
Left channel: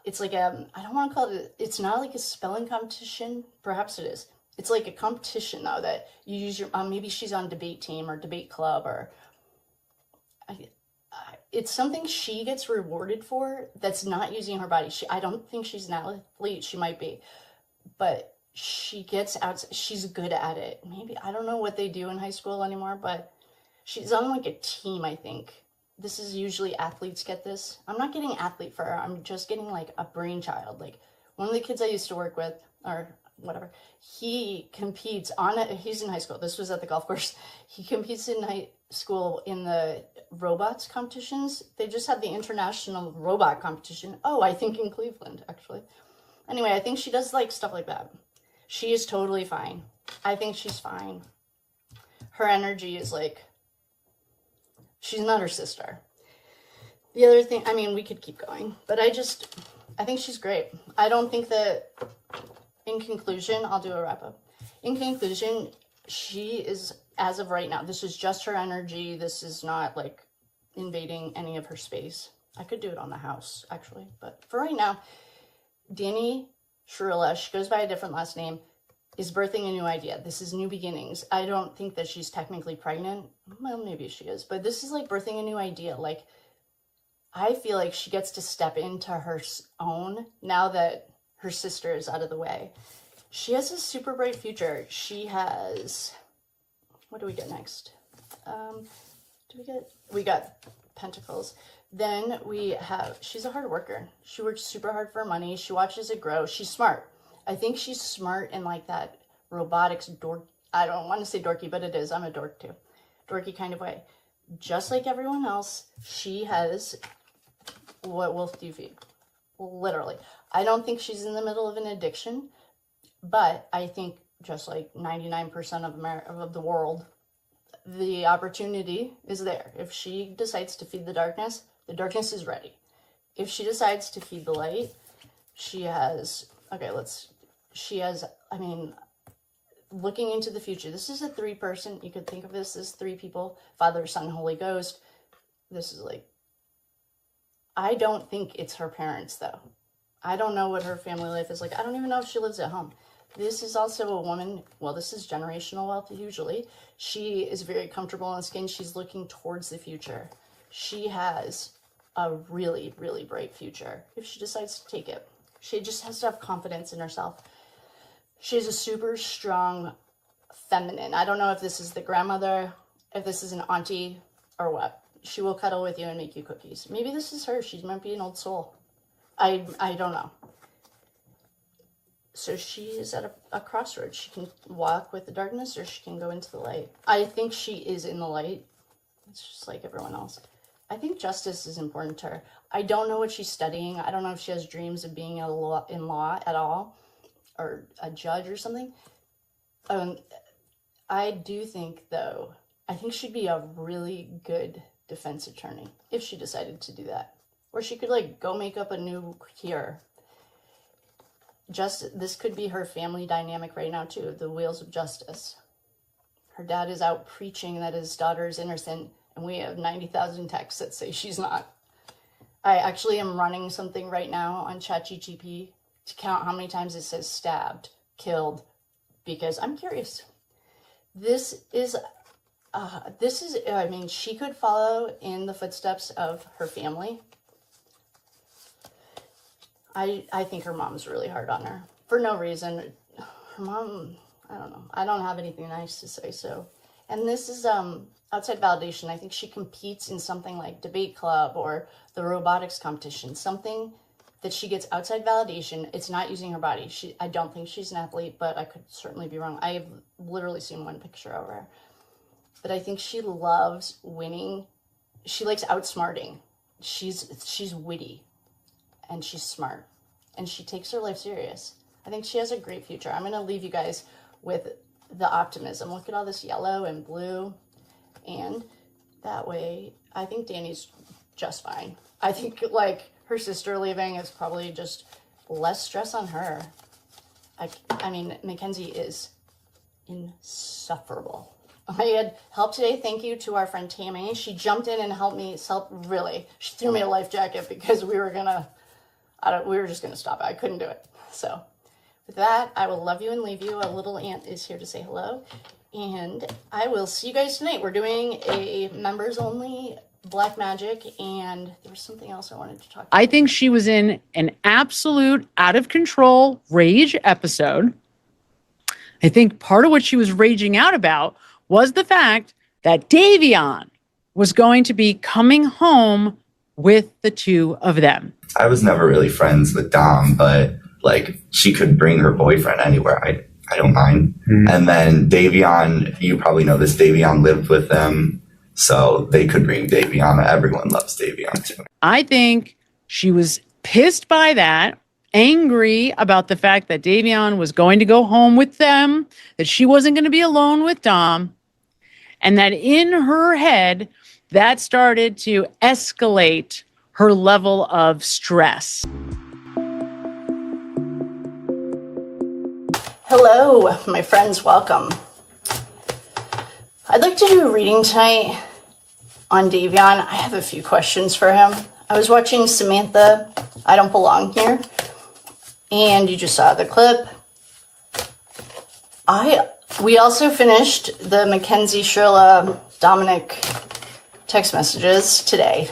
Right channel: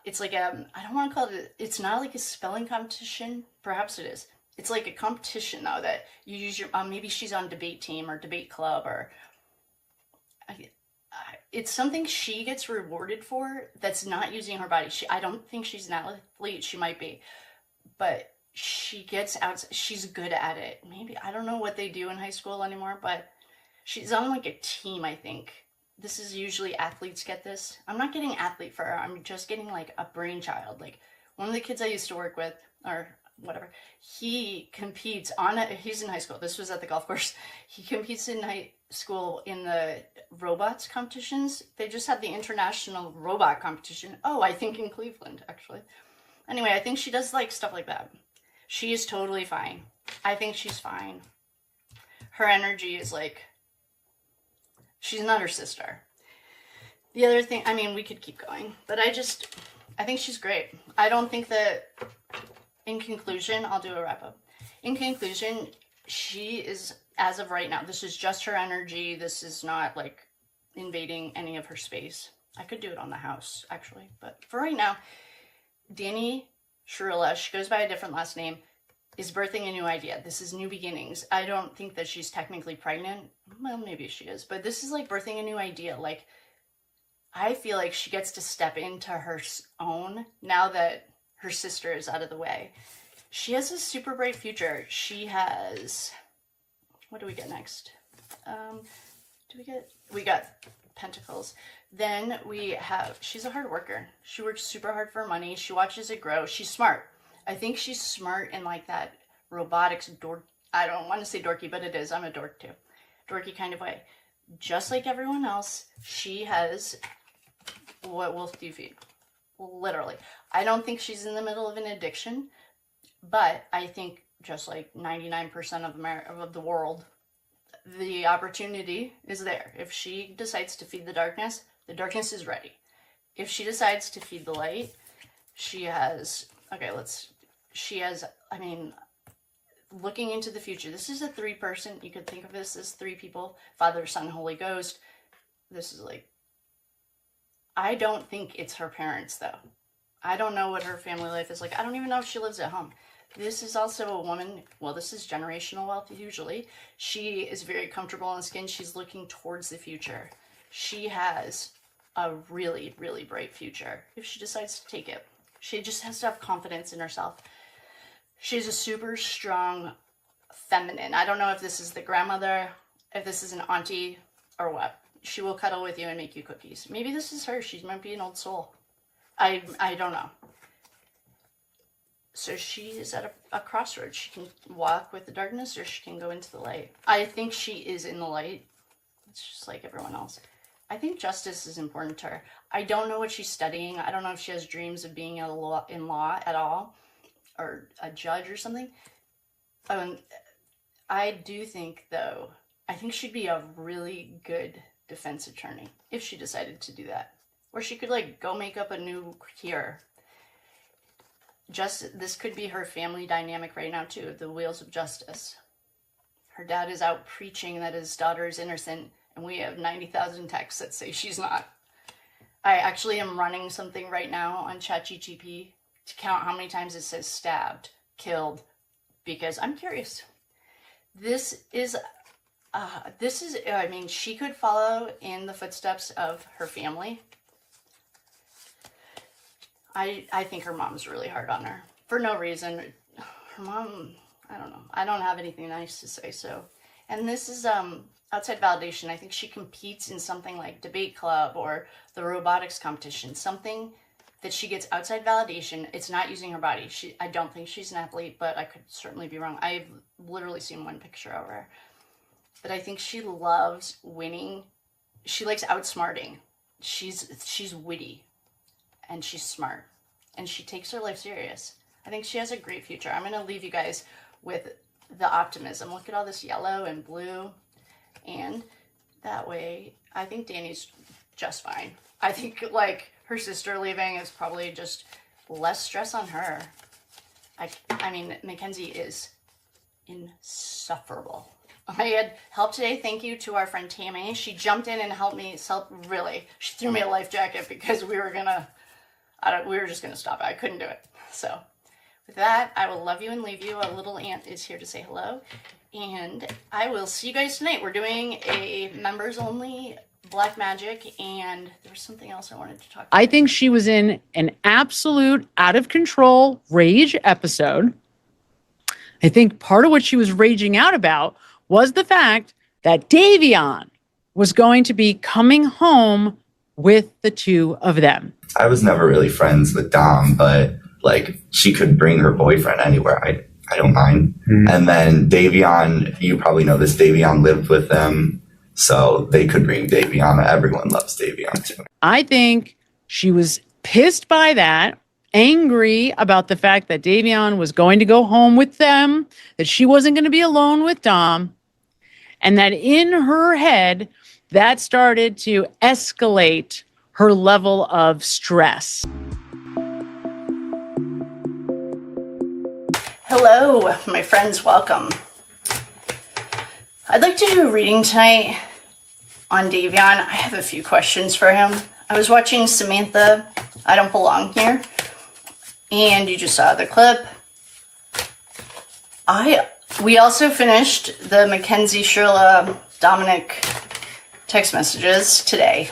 It's like I don't want to call it, it's not like a spelling competition. Perhaps it is. It's like a competition though, that you use your, maybe she's on debate team or debate club, or it's something she gets rewarded for that's not using her body. I don't think she's an athlete. She might be, but she gets out. She's good at it. Maybe, I don't know what they do in high school anymore, but she's on like a team, I think. This is usually athletes get this. I'm not getting athlete for her. I'm just getting like a brainchild. Like one of the kids I used to work with, or whatever, he competes he's in high school. This was at the golf course. He competes in high school in the robots competitions. They just had the international robot competition. Oh, I think in Cleveland, actually. Anyway, I think she does like stuff like that. She is totally fine. I think she's fine. Her energy is like, she's not her sister. The other thing, I mean, we could keep going, but I think she's great. I don't think that, in conclusion, I'll do a wrap up. In conclusion, she is, as of right now, this is just her energy. This is not like invading any of her space. I could do it on the house, actually, but for right now, Danny Shirilla, she goes by a different last name, is birthing a new idea. This is new beginnings. I don't think that she's technically pregnant. Well, maybe she is, but this is like birthing a new idea. Like, I feel like she gets to step into her own now that her sister is out of the way. She has a super bright future. She has, what do we get next? We got Pentacles. Then we have, she's a hard worker. She works super hard for money. She watches it grow. She's smart. I think she's smart in like that robotics dork. I don't want to say dorky, but it is. I'm a dork too. Dorky kind of way. Just like everyone else, she has, what wolf do you feed? Literally. I don't think she's in the middle of an addiction, but I think just like 99% of the world, the opportunity is there. If she decides to feed the darkness is ready. If she decides to feed the light, she has, I mean, looking into the future, this is a 3-person, you could think of this as 3 people, Father, Son, Holy Ghost. This is like, I don't think it's her parents though. I don't know what her family life is like. I don't even know if she lives at home. This is also a woman, well, this is generational wealth usually. She is very comfortable in skin. She's looking towards the future. She has a really, really bright future if she decides to take it. She just has to have confidence in herself. She's a super strong feminine. I don't know if this is the grandmother, if this is an auntie, or what. She will cuddle with you and make you cookies. Maybe this is her. She might be an old soul. I don't know. So she is at a crossroads. She can walk with the darkness or she can go into the light. I think she is in the light. It's just like everyone else. I think justice is important to her. I don't know what she's studying. I don't know if she has dreams of being in law at all, or a judge or something. I do think, though, I think she'd be a really good defense attorney if she decided to do that. Or she could like go make up a new cure. This could be her family dynamic right now too, the wheels of justice. Her dad is out preaching that his daughter is innocent, and we have 90,000 texts that say she's not. I actually am running something right now on ChatGPT to count how many times it says stabbed, killed, because I'm curious. This is, I mean, she could follow in the footsteps of her family. I think her mom's really hard on her for no reason. Her mom, I don't know. I don't have anything nice to say. So, and this is outside validation. I think she competes in something like debate club or the robotics competition, something that she gets outside validation. It's not using her body. I don't think she's an athlete, but I could certainly be wrong. I've literally seen one picture of her, but I think she loves winning. She likes outsmarting. She's witty. And she's smart, and she takes her life serious. I think she has a great future. I'm going to leave you guys with the optimism. Look at all this yellow and blue. And that way, I think Danny's just fine. I think, like, her sister leaving is probably just less stress on her. I mean, Mackenzie is insufferable. I had help today. Thank you to our friend Tammy. She jumped in and helped me. Really, she threw me a life jacket because we were just gonna stop it. I couldn't do it. So with that, I will love you and leave you. A little aunt is here to say hello. And I will see you guys tonight. We're doing a members only Black Magic, and there was something else I wanted to talk about. I think she was in an absolute out of control rage episode. I think part of what she was raging out about was the fact that Davion was going to be coming home with the two of them. I was never really friends with Dom, but like she could bring her boyfriend anywhere. I don't mind. And then Davion, you probably know this, Davion lived with them, so they could bring Davion. Everyone loves Davion too. I think she was pissed by that, angry about the fact that Davion was going to go home with them, that she wasn't going to be alone with Dom, and that in her head, that started to escalate her level of stress. Hello, my friends, welcome. I'd like to do a reading tonight on Davion. I have a few questions for him. I was watching Samantha, I Don't Belong Here, and you just saw the clip. We also finished the Mackenzie Shirilla Dominic text messages today.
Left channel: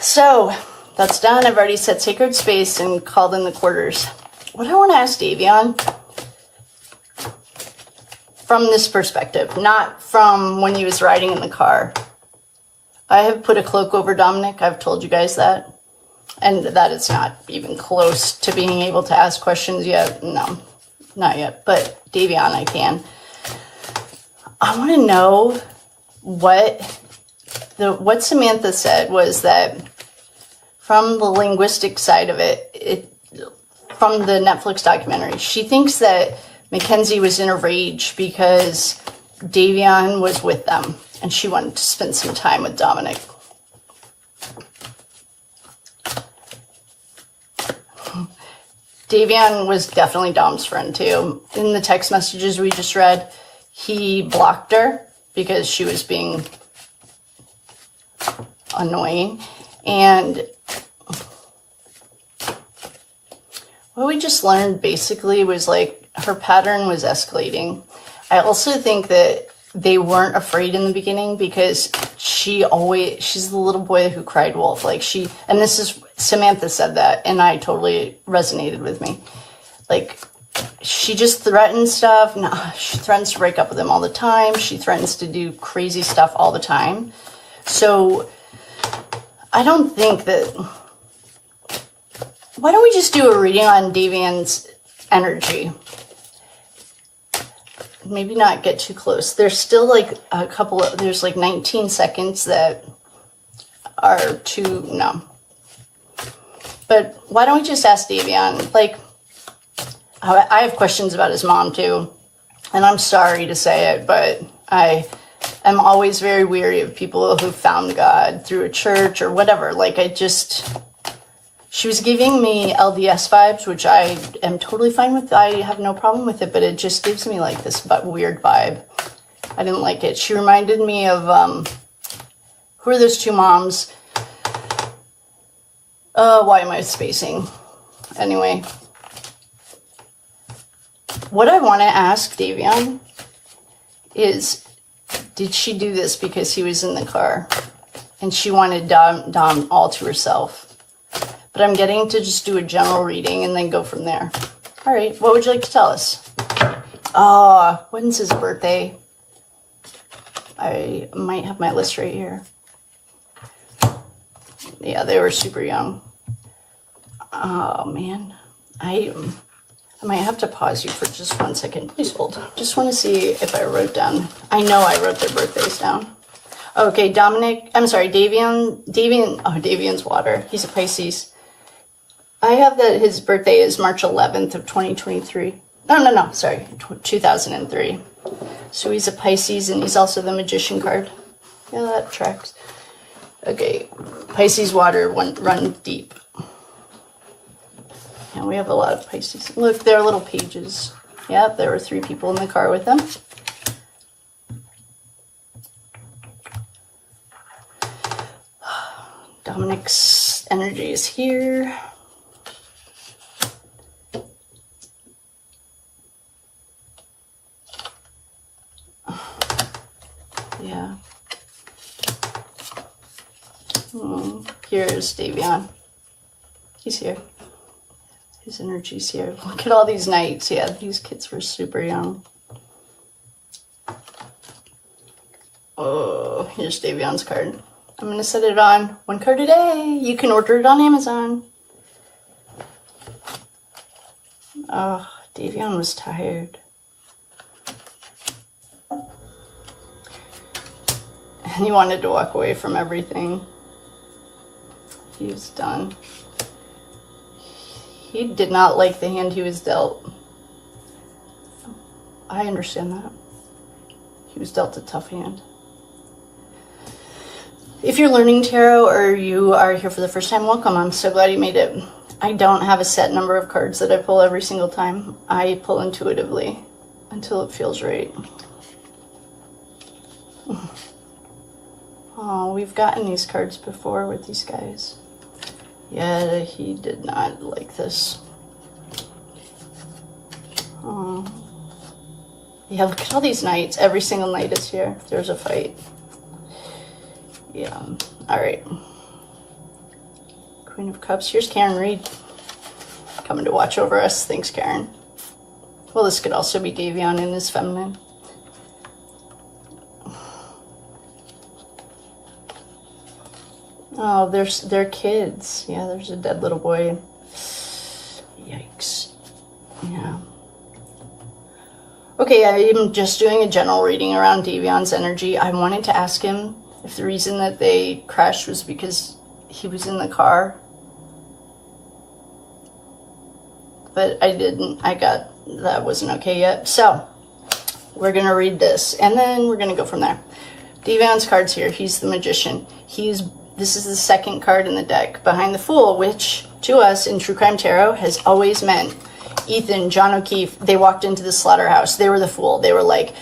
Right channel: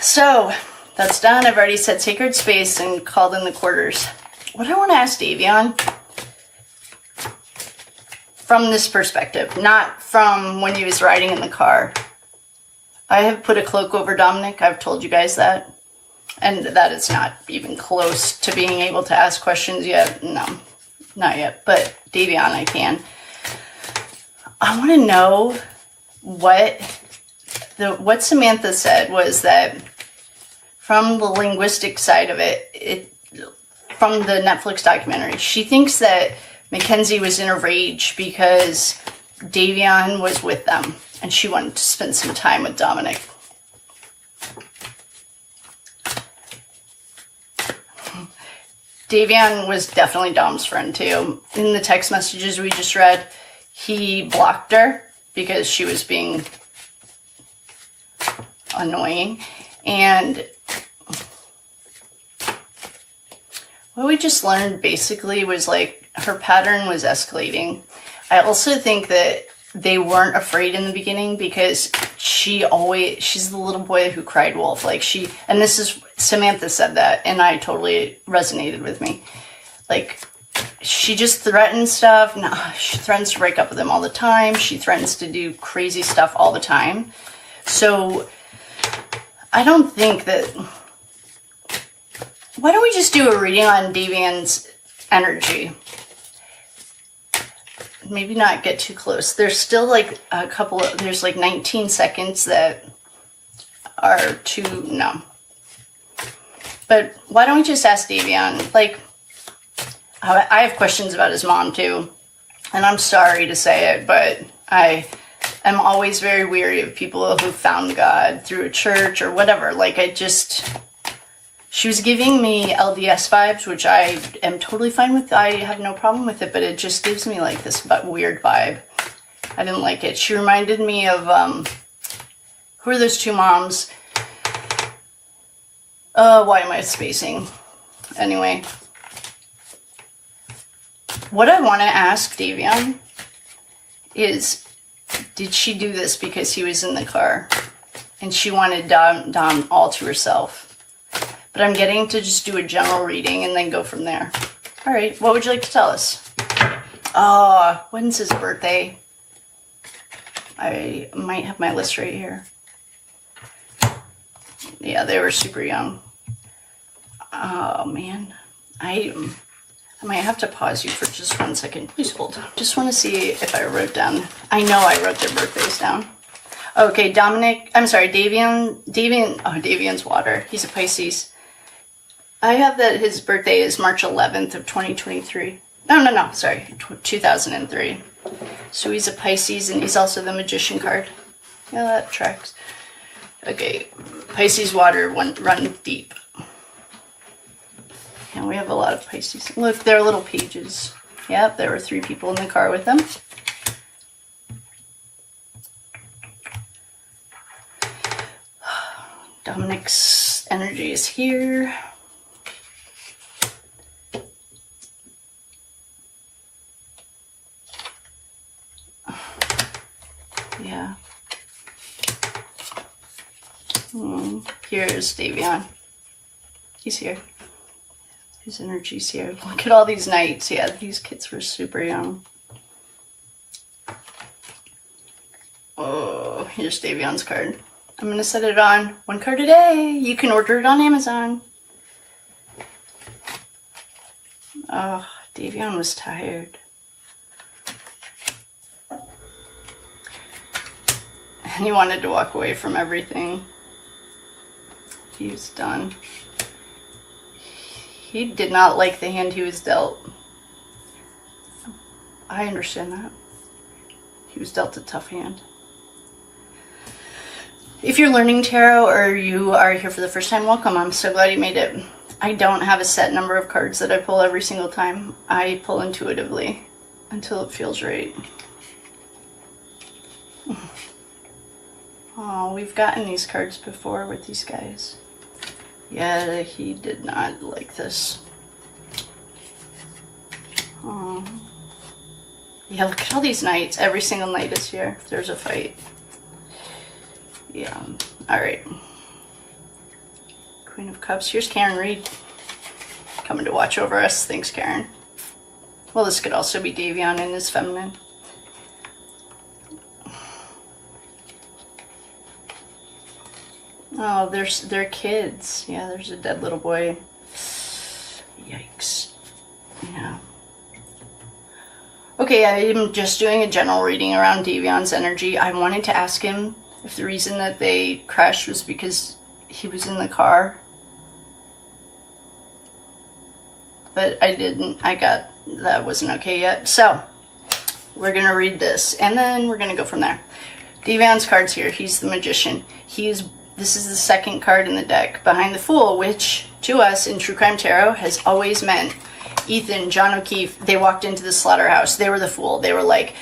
So that's done. I've already set sacred space and called in the quarters. What I want to ask Davion, from this perspective, not from when he was riding in the car. I have put a cloak over Dominic. I've told you guys that. And that it's not even close to being able to ask questions yet. No, not yet. But Davion, I can. I want to know what Samantha said was that from the linguistic side of it, from the Netflix documentary, she thinks that Mackenzie was in a rage because Davion was with them and she wanted to spend some time with Dominic. Davion was definitely Dom's friend too. In the text messages we just read, he blocked her because she was being annoying. And what we just learned basically was like her pattern was escalating. I also think that they weren't afraid in the beginning because she's the little boy who cried wolf. Like and this is, Samantha said that, and I totally resonated with me. Like, she just threatens stuff. No, she threatens to break up with him all the time. She threatens to do crazy stuff all the time. So I don't think that, why don't we just do a reading on Davion's energy? Maybe not get too close. There's still like there's like 19 seconds that are too, no. But why don't we just ask Davion? Like, I have questions about his mom too. And I'm sorry to say it, but I am always very weary of people who found God through a church or whatever. Like, she was giving me LDS vibes, which I am totally fine with. I have no problem with it, but it just gives me like this weird vibe. I didn't like it. She reminded me of, who are those two moms? Why am I spacing? Anyway. What I want to ask Davion is, did she do this because he was in the car and she wanted Dom all to herself? But I'm getting to just do a general reading and then go from there. All right, what would you like to tell us? When's his birthday? I might have my list right here. Yeah, they were super young. Oh, man. I might have to pause you for just 1 second. Please hold. Just want to see if I wrote down. I know I wrote their birthdays down. Okay, Davion. Oh, Davion's water. He's a Pisces. I have that his birthday is March 11th of 2023. No, sorry, 2003. So he's a Pisces, and he's also the Magician card. Yeah, that tracks. Okay, Pisces water run deep. And we have a lot of Pisces. Look, they're little pages. Yep, there were 3 people in the car with them. Dominic's energy is here. Yeah. Here's Davion. He's here. His energy's here. Look at all these knights. Yeah, these kids were super young. Oh, here's Davion's card. I'm going to set it on 1 card a day. You can order it on Amazon. Oh, Davion was tired. And he wanted to walk away from everything. He was done. He did not like the hand he was dealt. I understand that. He was dealt a tough hand. If you're learning tarot or you are here for the first time, welcome. I'm so glad you made it. I don't have a set number of cards that I pull every single time. I pull intuitively until it feels right. Oh, we've gotten these cards before with these guys. Yeah, he did not like this. Oh. Yeah, look at all these knights. Every single knight is here. There's a fight. Yeah. All right. Queen of Cups. Here's Karen Reed coming to watch over us. Thanks, Karen. Well, this could also be Davion in his feminine. Oh, they're kids. Yeah, there's a dead little boy. Yikes. Yeah. Okay, I'm just doing a general reading around Davion's energy. I wanted to ask him if the reason that they crashed was because he was in the car. But I didn't. That wasn't okay yet. So, we're going to read this, and then we're going to go from there. Davion's card's here. He's the Magician. This is the second card in the deck, behind the Fool, which, to us in True Crime Tarot, has always meant Ethan, John O'Keefe, they walked into the slaughterhouse. They were the Fool. They were like,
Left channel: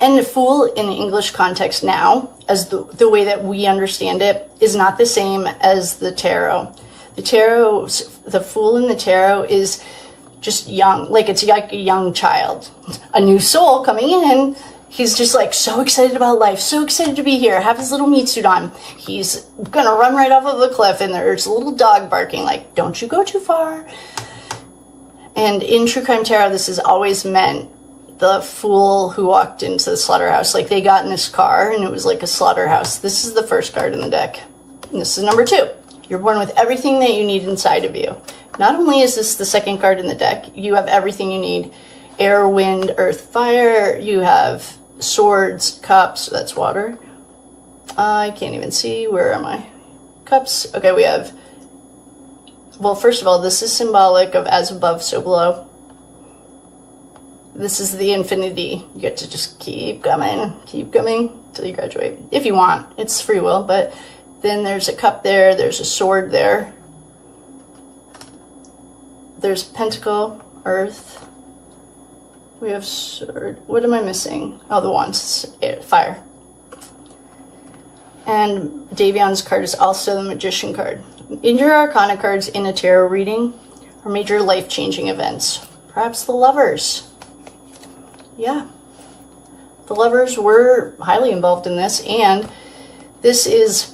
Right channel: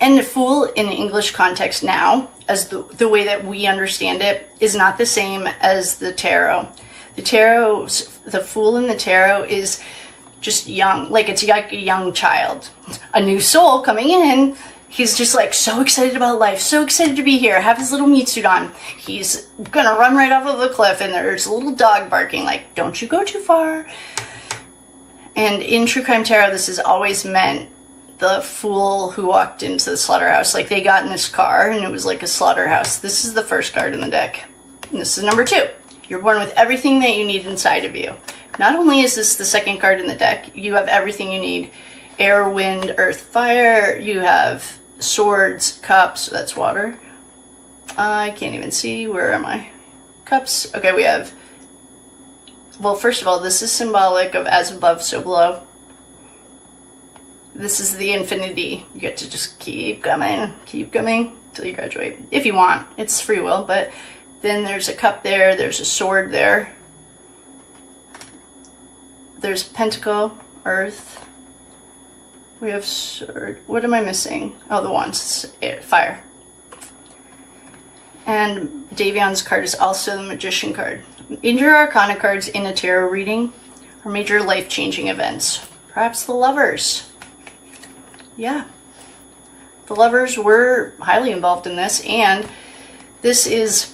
and the Fool in the English context now, as the way that we understand it, is not the same as the tarot. The Fool in the tarot is just young, like it's like a young child. A new soul coming in. He's just like so excited about life, so excited to be here, have his little meat suit on. He's gonna run right off of the cliff, and there's a little dog barking like, don't you go too far. And in True Crime Tarot, this has always meant the Fool who walked into the slaughterhouse. Like they got in this car and it was like a slaughterhouse. This is the first card in the deck. And this is number 2. You're born with everything that you need inside of you. Not only is this the second card in the deck, you have everything you need. Air, wind, earth, fire. You have swords, cups, that's water. I can't even see, where am I? Cups, okay, we have, well, first of all, this is symbolic of as above, so below. This is the infinity. You get to just keep coming till you graduate. If you want, it's free will, but then there's a cup there, there's a sword there. There's pentacle, earth. We have sword. What am I missing? Oh, the wands. Fire. And Davion's card is also the Magician card. Major Arcana cards in a tarot reading are major life-changing events. Perhaps the Lovers. Yeah. The Lovers were highly involved in this, and this is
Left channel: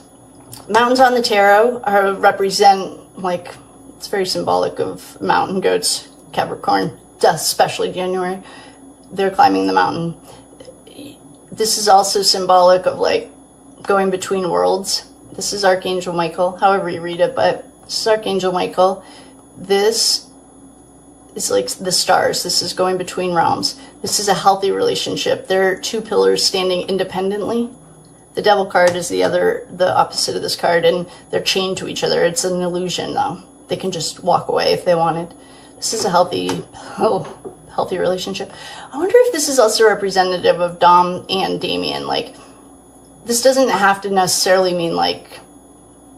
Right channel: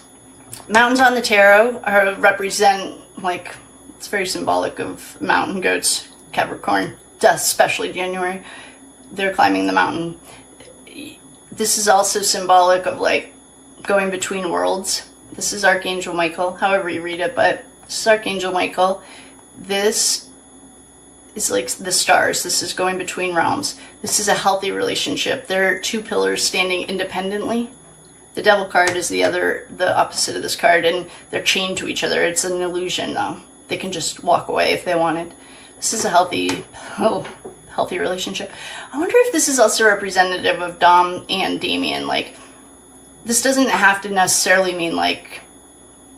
mountains on the tarot represent, like, it's very symbolic of mountain goats, Capricorn, especially January. They're climbing the mountain. This is also symbolic of like going between worlds. This is Archangel Michael, however you read it, but this is Archangel Michael. This is like the stars. This is going between realms. This is a healthy relationship. There are 2 pillars standing independently. The Devil card is the opposite of this card, and they're chained to each other. It's an illusion though. They can just walk away if they wanted. This is a healthy healthy relationship. I wonder if this is also representative of Dom and Davion. Like, this doesn't have to necessarily mean like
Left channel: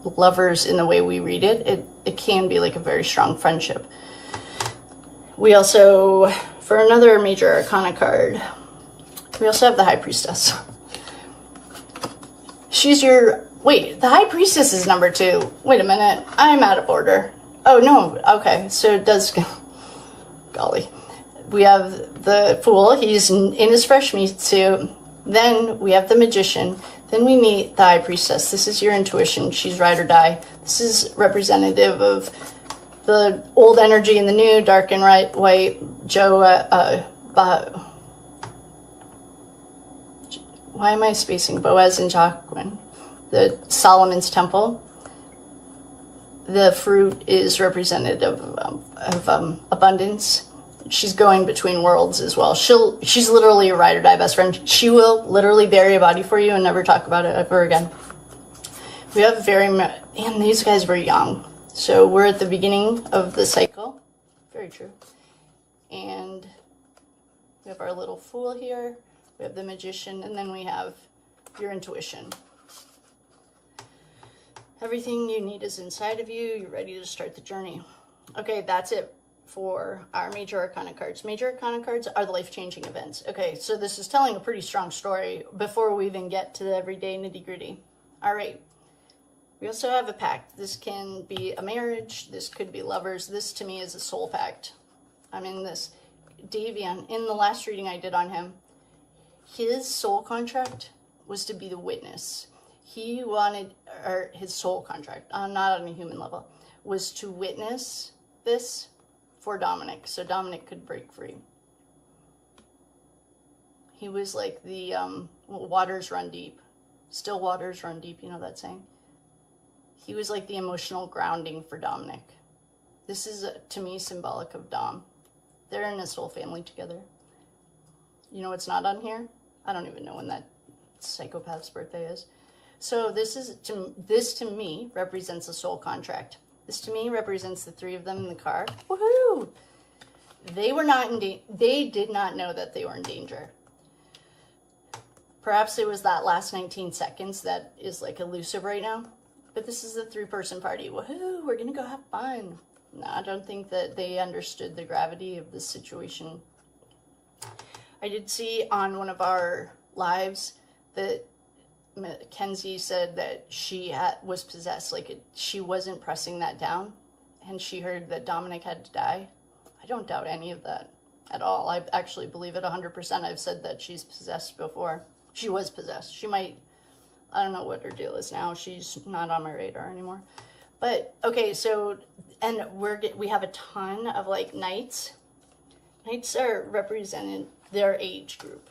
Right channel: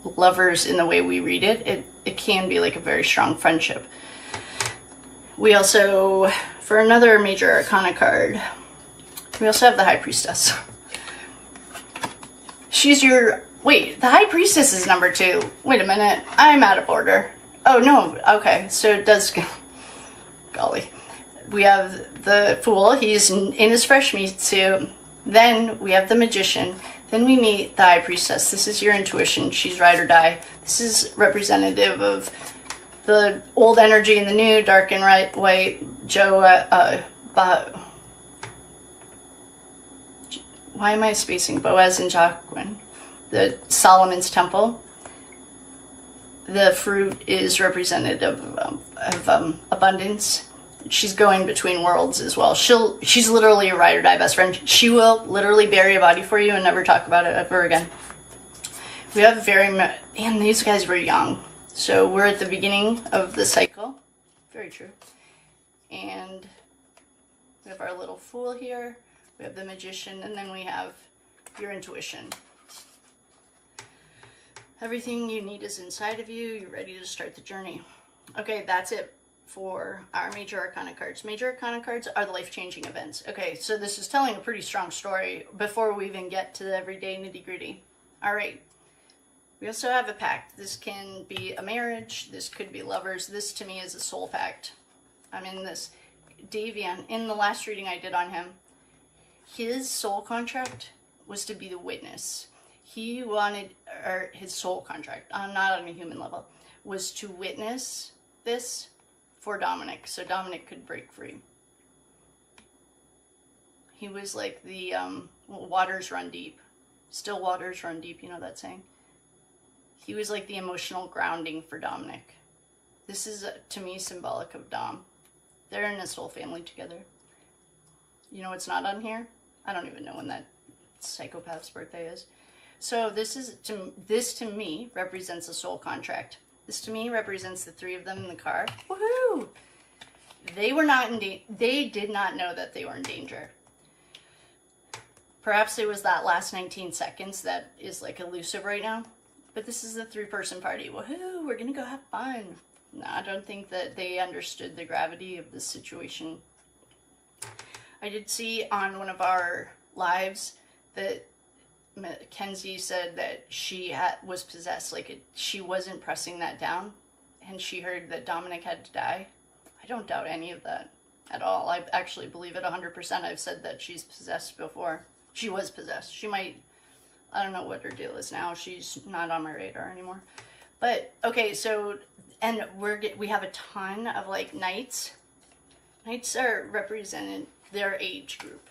lovers in the way we read it. It can be like a very strong friendship. We also, for another major arcana card, we also have the High Priestess. She's your, wait, the High Priestess is number 2. Wait a minute, I'm out of order. Oh no, okay, so it does go, golly. We have the Fool, he's in his fresh meat suit. Then we have the Magician. Then we meet the High Priestess. This is your intuition, she's ride or die. This is representative of the old energy and the new, dark and white. Joe, why am I spacing? Boaz and Jacqueline. The Solomon's Temple. The fruit is representative of abundance. She's going between worlds as well. She's literally a ride or die best friend. She will literally bury a body for you and never talk about it ever again. We have and these guys were young. So we're at the beginning of the cycle. Very true. And we have our little Fool here. We have the Magician, and then we have your intuition. Everything you need is inside of you. You're ready to start the journey. Okay, that's it for our major arcana cards. Major arcana cards are the life-changing events. Okay, so this is telling a pretty strong story before we even get to the everyday nitty-gritty. All right. We also have a pact. This can be a marriage. This could be lovers. This, to me, is a soul pact. I'm in this. Davion, in the last reading I did on him, his soul contract was to be the witness. He wanted, or his soul contract, not on a human level, was to witness this for Dominic, so Dominic could break free. He was like the waters run deep. Still waters run deep, you know that saying? He was like the emotional grounding for Dominic. This is, to me, symbolic of Dom. They're in a soul family together. You know what's not on here? I don't even know when that psychopath's birthday is. So this to me represents a soul contract. This to me represents the 3 of them in the car. Woohoo! They were not in they did not know that they were in danger. Perhaps it was that last 19 seconds that is like elusive right now. But this is the 3-person party. Woohoo! We're gonna go have fun. No, I don't think that they understood the gravity of this situation. I did see on one of our lives that Mackenzie said that she was possessed. Like, she wasn't pressing that down. And she heard that Dominic had to die. I don't doubt any of that at all. I actually believe it 100%. I've said that she's possessed before. She was possessed. She might, I don't know what her deal is now. She's not on my radar anymore. But, okay, so, and we have a ton of, like, knights. Knights are represented, their age group,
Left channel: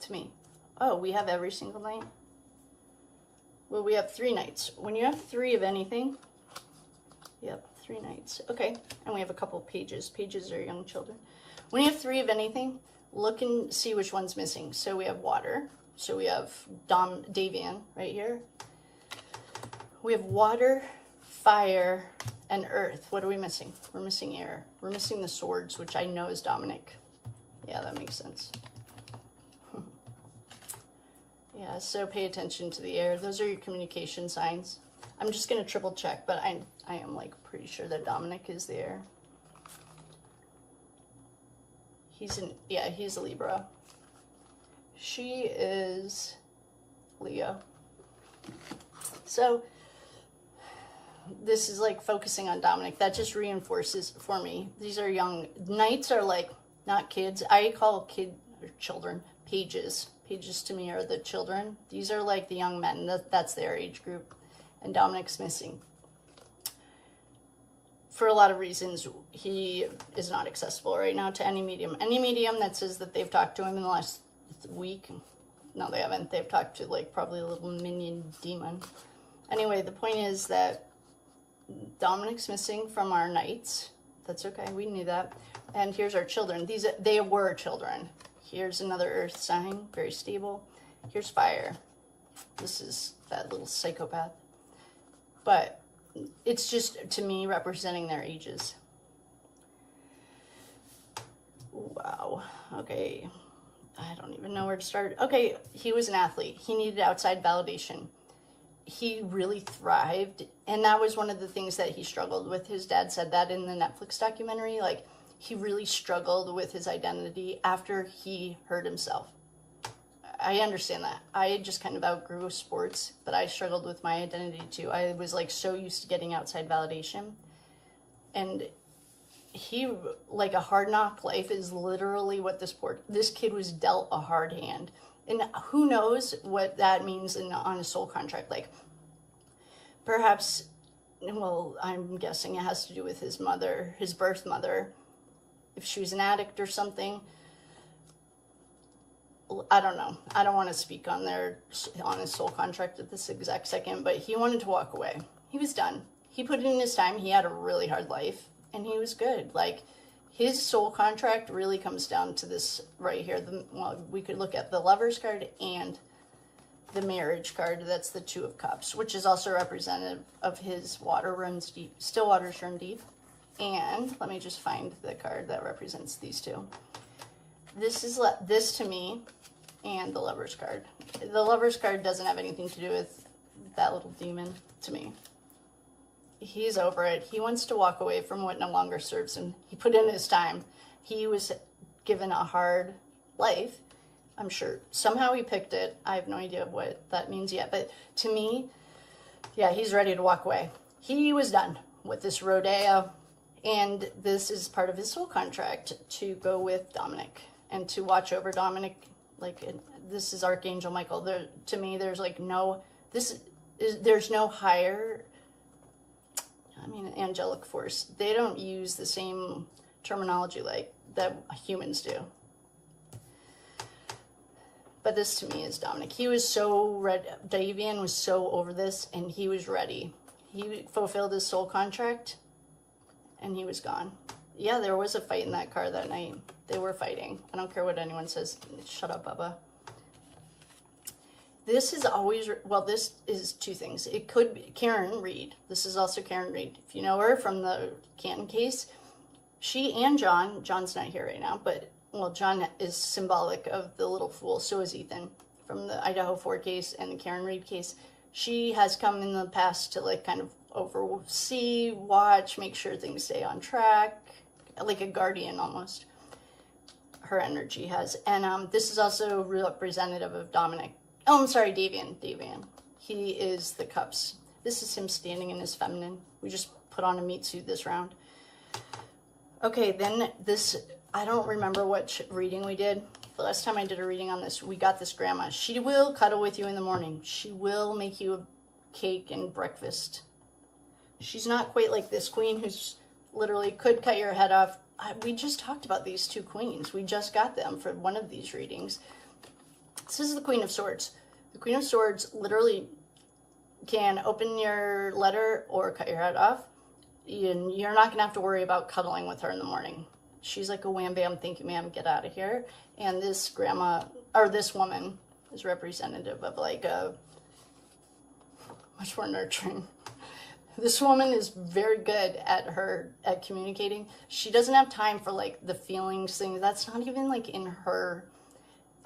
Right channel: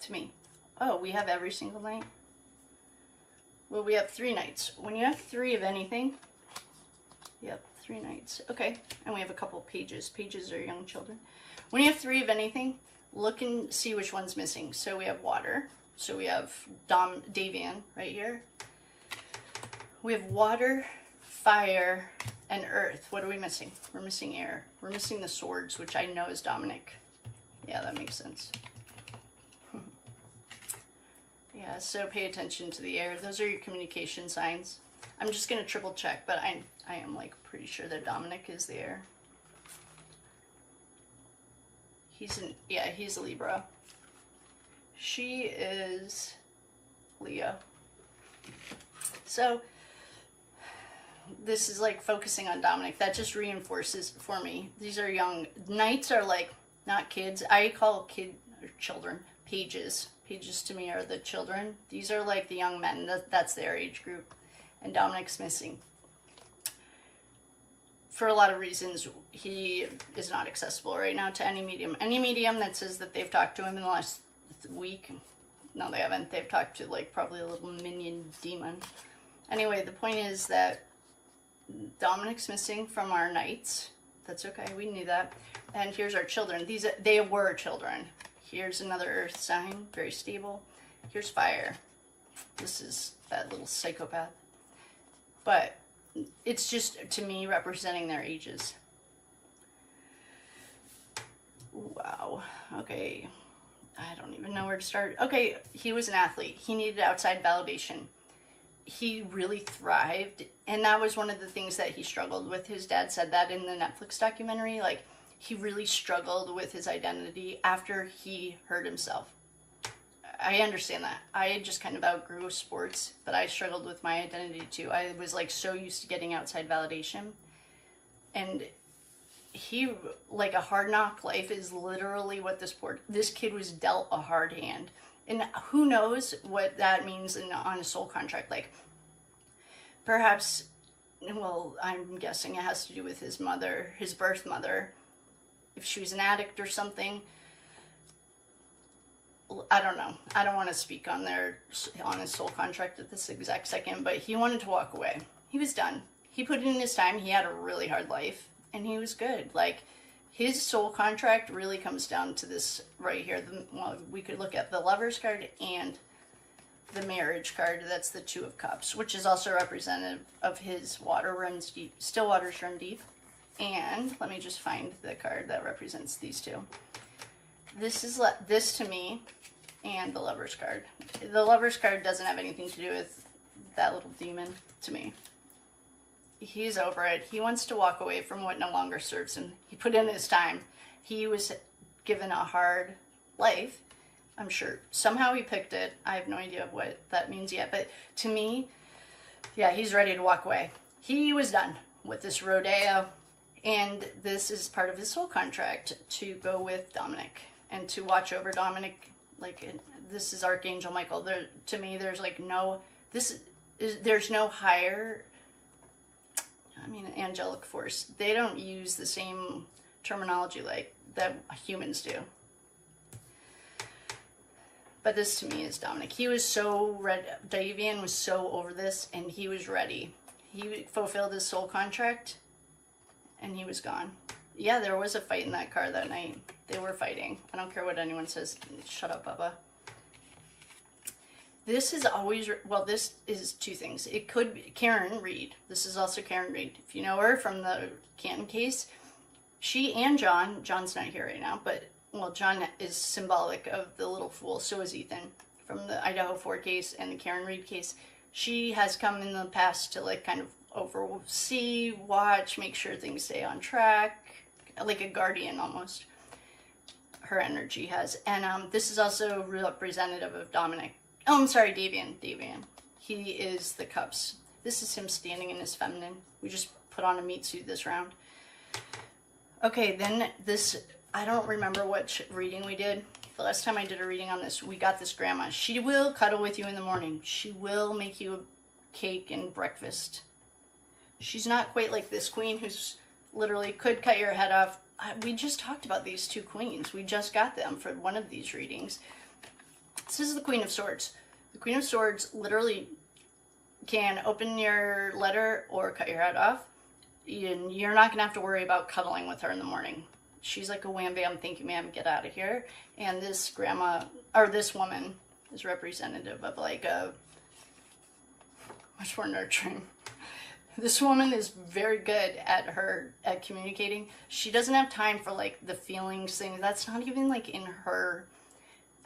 to me. Oh, we have every single knight? Well, we have 3 knights. When you have 3 of anything, yep, 3 knights. Okay, and we have a couple pages. Pages are young children. When you have 3 of anything, look and see which one's missing. So we have water. So we have Davion right here. We have water, fire, and earth. What are we missing? We're missing air. We're missing the swords, which I know is Dominic. Yeah, that makes sense. Yeah, so pay attention to the air. Those are your communication signs. I'm just going to triple check, but I am like pretty sure that Dominic is the air. He's a Libra. She is Leo. So this is like focusing on Dominic. That just reinforces for me. These are young. Knights are like not kids. I call children pages. Pages to me are the children. These are like the young men. That's their age group. And Dominic's missing. For a lot of reasons, he is not accessible right now to any medium. Any medium that says that they've talked to him in the last week. No, they haven't. They've talked to like probably a little minion demon. Anyway, the point is that Dominic's missing from our knights. That's okay. We knew that. And here's our children. They were children. Here's another earth sign, very stable. Here's fire. This is that little psychopath. But it's just, to me, representing their ages. Wow. Okay. I don't even know where to start. Okay, he was an athlete. He needed outside validation. He really thrived, and that was one of the things that he struggled with. His dad said that in the Netflix documentary. Like, he really struggled with his identity after he hurt himself. I understand that. I just kind of outgrew sports, but I struggled with my identity too. I was like so used to getting outside validation. And he, like, a hard knock life is literally what this kid was dealt a hard hand. And who knows what that means on a soul contract. Like, perhaps, well, I'm guessing it has to do with his mother, his birth mother. If she was an addict or something. I don't know. I don't want to speak on his soul contract at this exact second, but he wanted to walk away. He was done. He put in his time. He had a really hard life, and he was good. Like, his soul contract really comes down to this right here. We could look at the Lover's card and the Marriage card. That's the Two of Cups, which is also representative of his water runs deep. Still waters run deep. And let me just find the card that represents these two. This to me, and the Lover's card. The Lover's card doesn't have anything to do with that little demon to me. He's over it. He wants to walk away from what no longer serves him. He put in his time. He was given a hard life, I'm sure. Somehow he picked it. I have no idea what that means yet. But to me, yeah, he's ready to walk away. He was done with this rodeo. And this is part of his soul contract to go with Dominic and to watch over Dominic. Like, this is Archangel Michael. To me, there's like there's no higher, angelic force. They don't use the same terminology like that humans do. But this to me is Dominic. He was so ready. Davion was so over this, and he was ready. He fulfilled his soul contract. And he was gone. Yeah, there was a fight in that car that night. They were fighting. I don't care what anyone says. Shut up, Bubba. This is always, this is two things. It could be Karen Reed. This is also Karen Reed. If you know her from the Canton case, she and John's not here right now, but, John is symbolic of the little fool. So is Ethan from the Idaho 4 case and the Karen Reed case. She has come in the past to, like, kind of oversee, watch, make sure things stay on track, like a guardian almost. Her energy has. And this is also representative of Dominic. Oh, I'm sorry, Davion. He is the cups. This is him standing in his feminine. We just put on a meat suit this round. Okay, then this, I don't remember what reading we did. The last time I did a reading on this, we got this grandma. She will cuddle with you in the morning. She will make you a cake and breakfast. She's not quite like this queen who's literally could cut your head off. We just talked about these two queens. We just got them for one of these readings. This is the Queen of Swords. The Queen of Swords literally can open your letter or cut your head off. And you're not going to have to worry about cuddling with her in the morning. She's like a wham bam, thank you ma'am, get out of here. And this grandma, or this woman, is representative of like a much more nurturing. This woman is very good at communicating. She doesn't have time for like the feelings thing. That's not even like in her.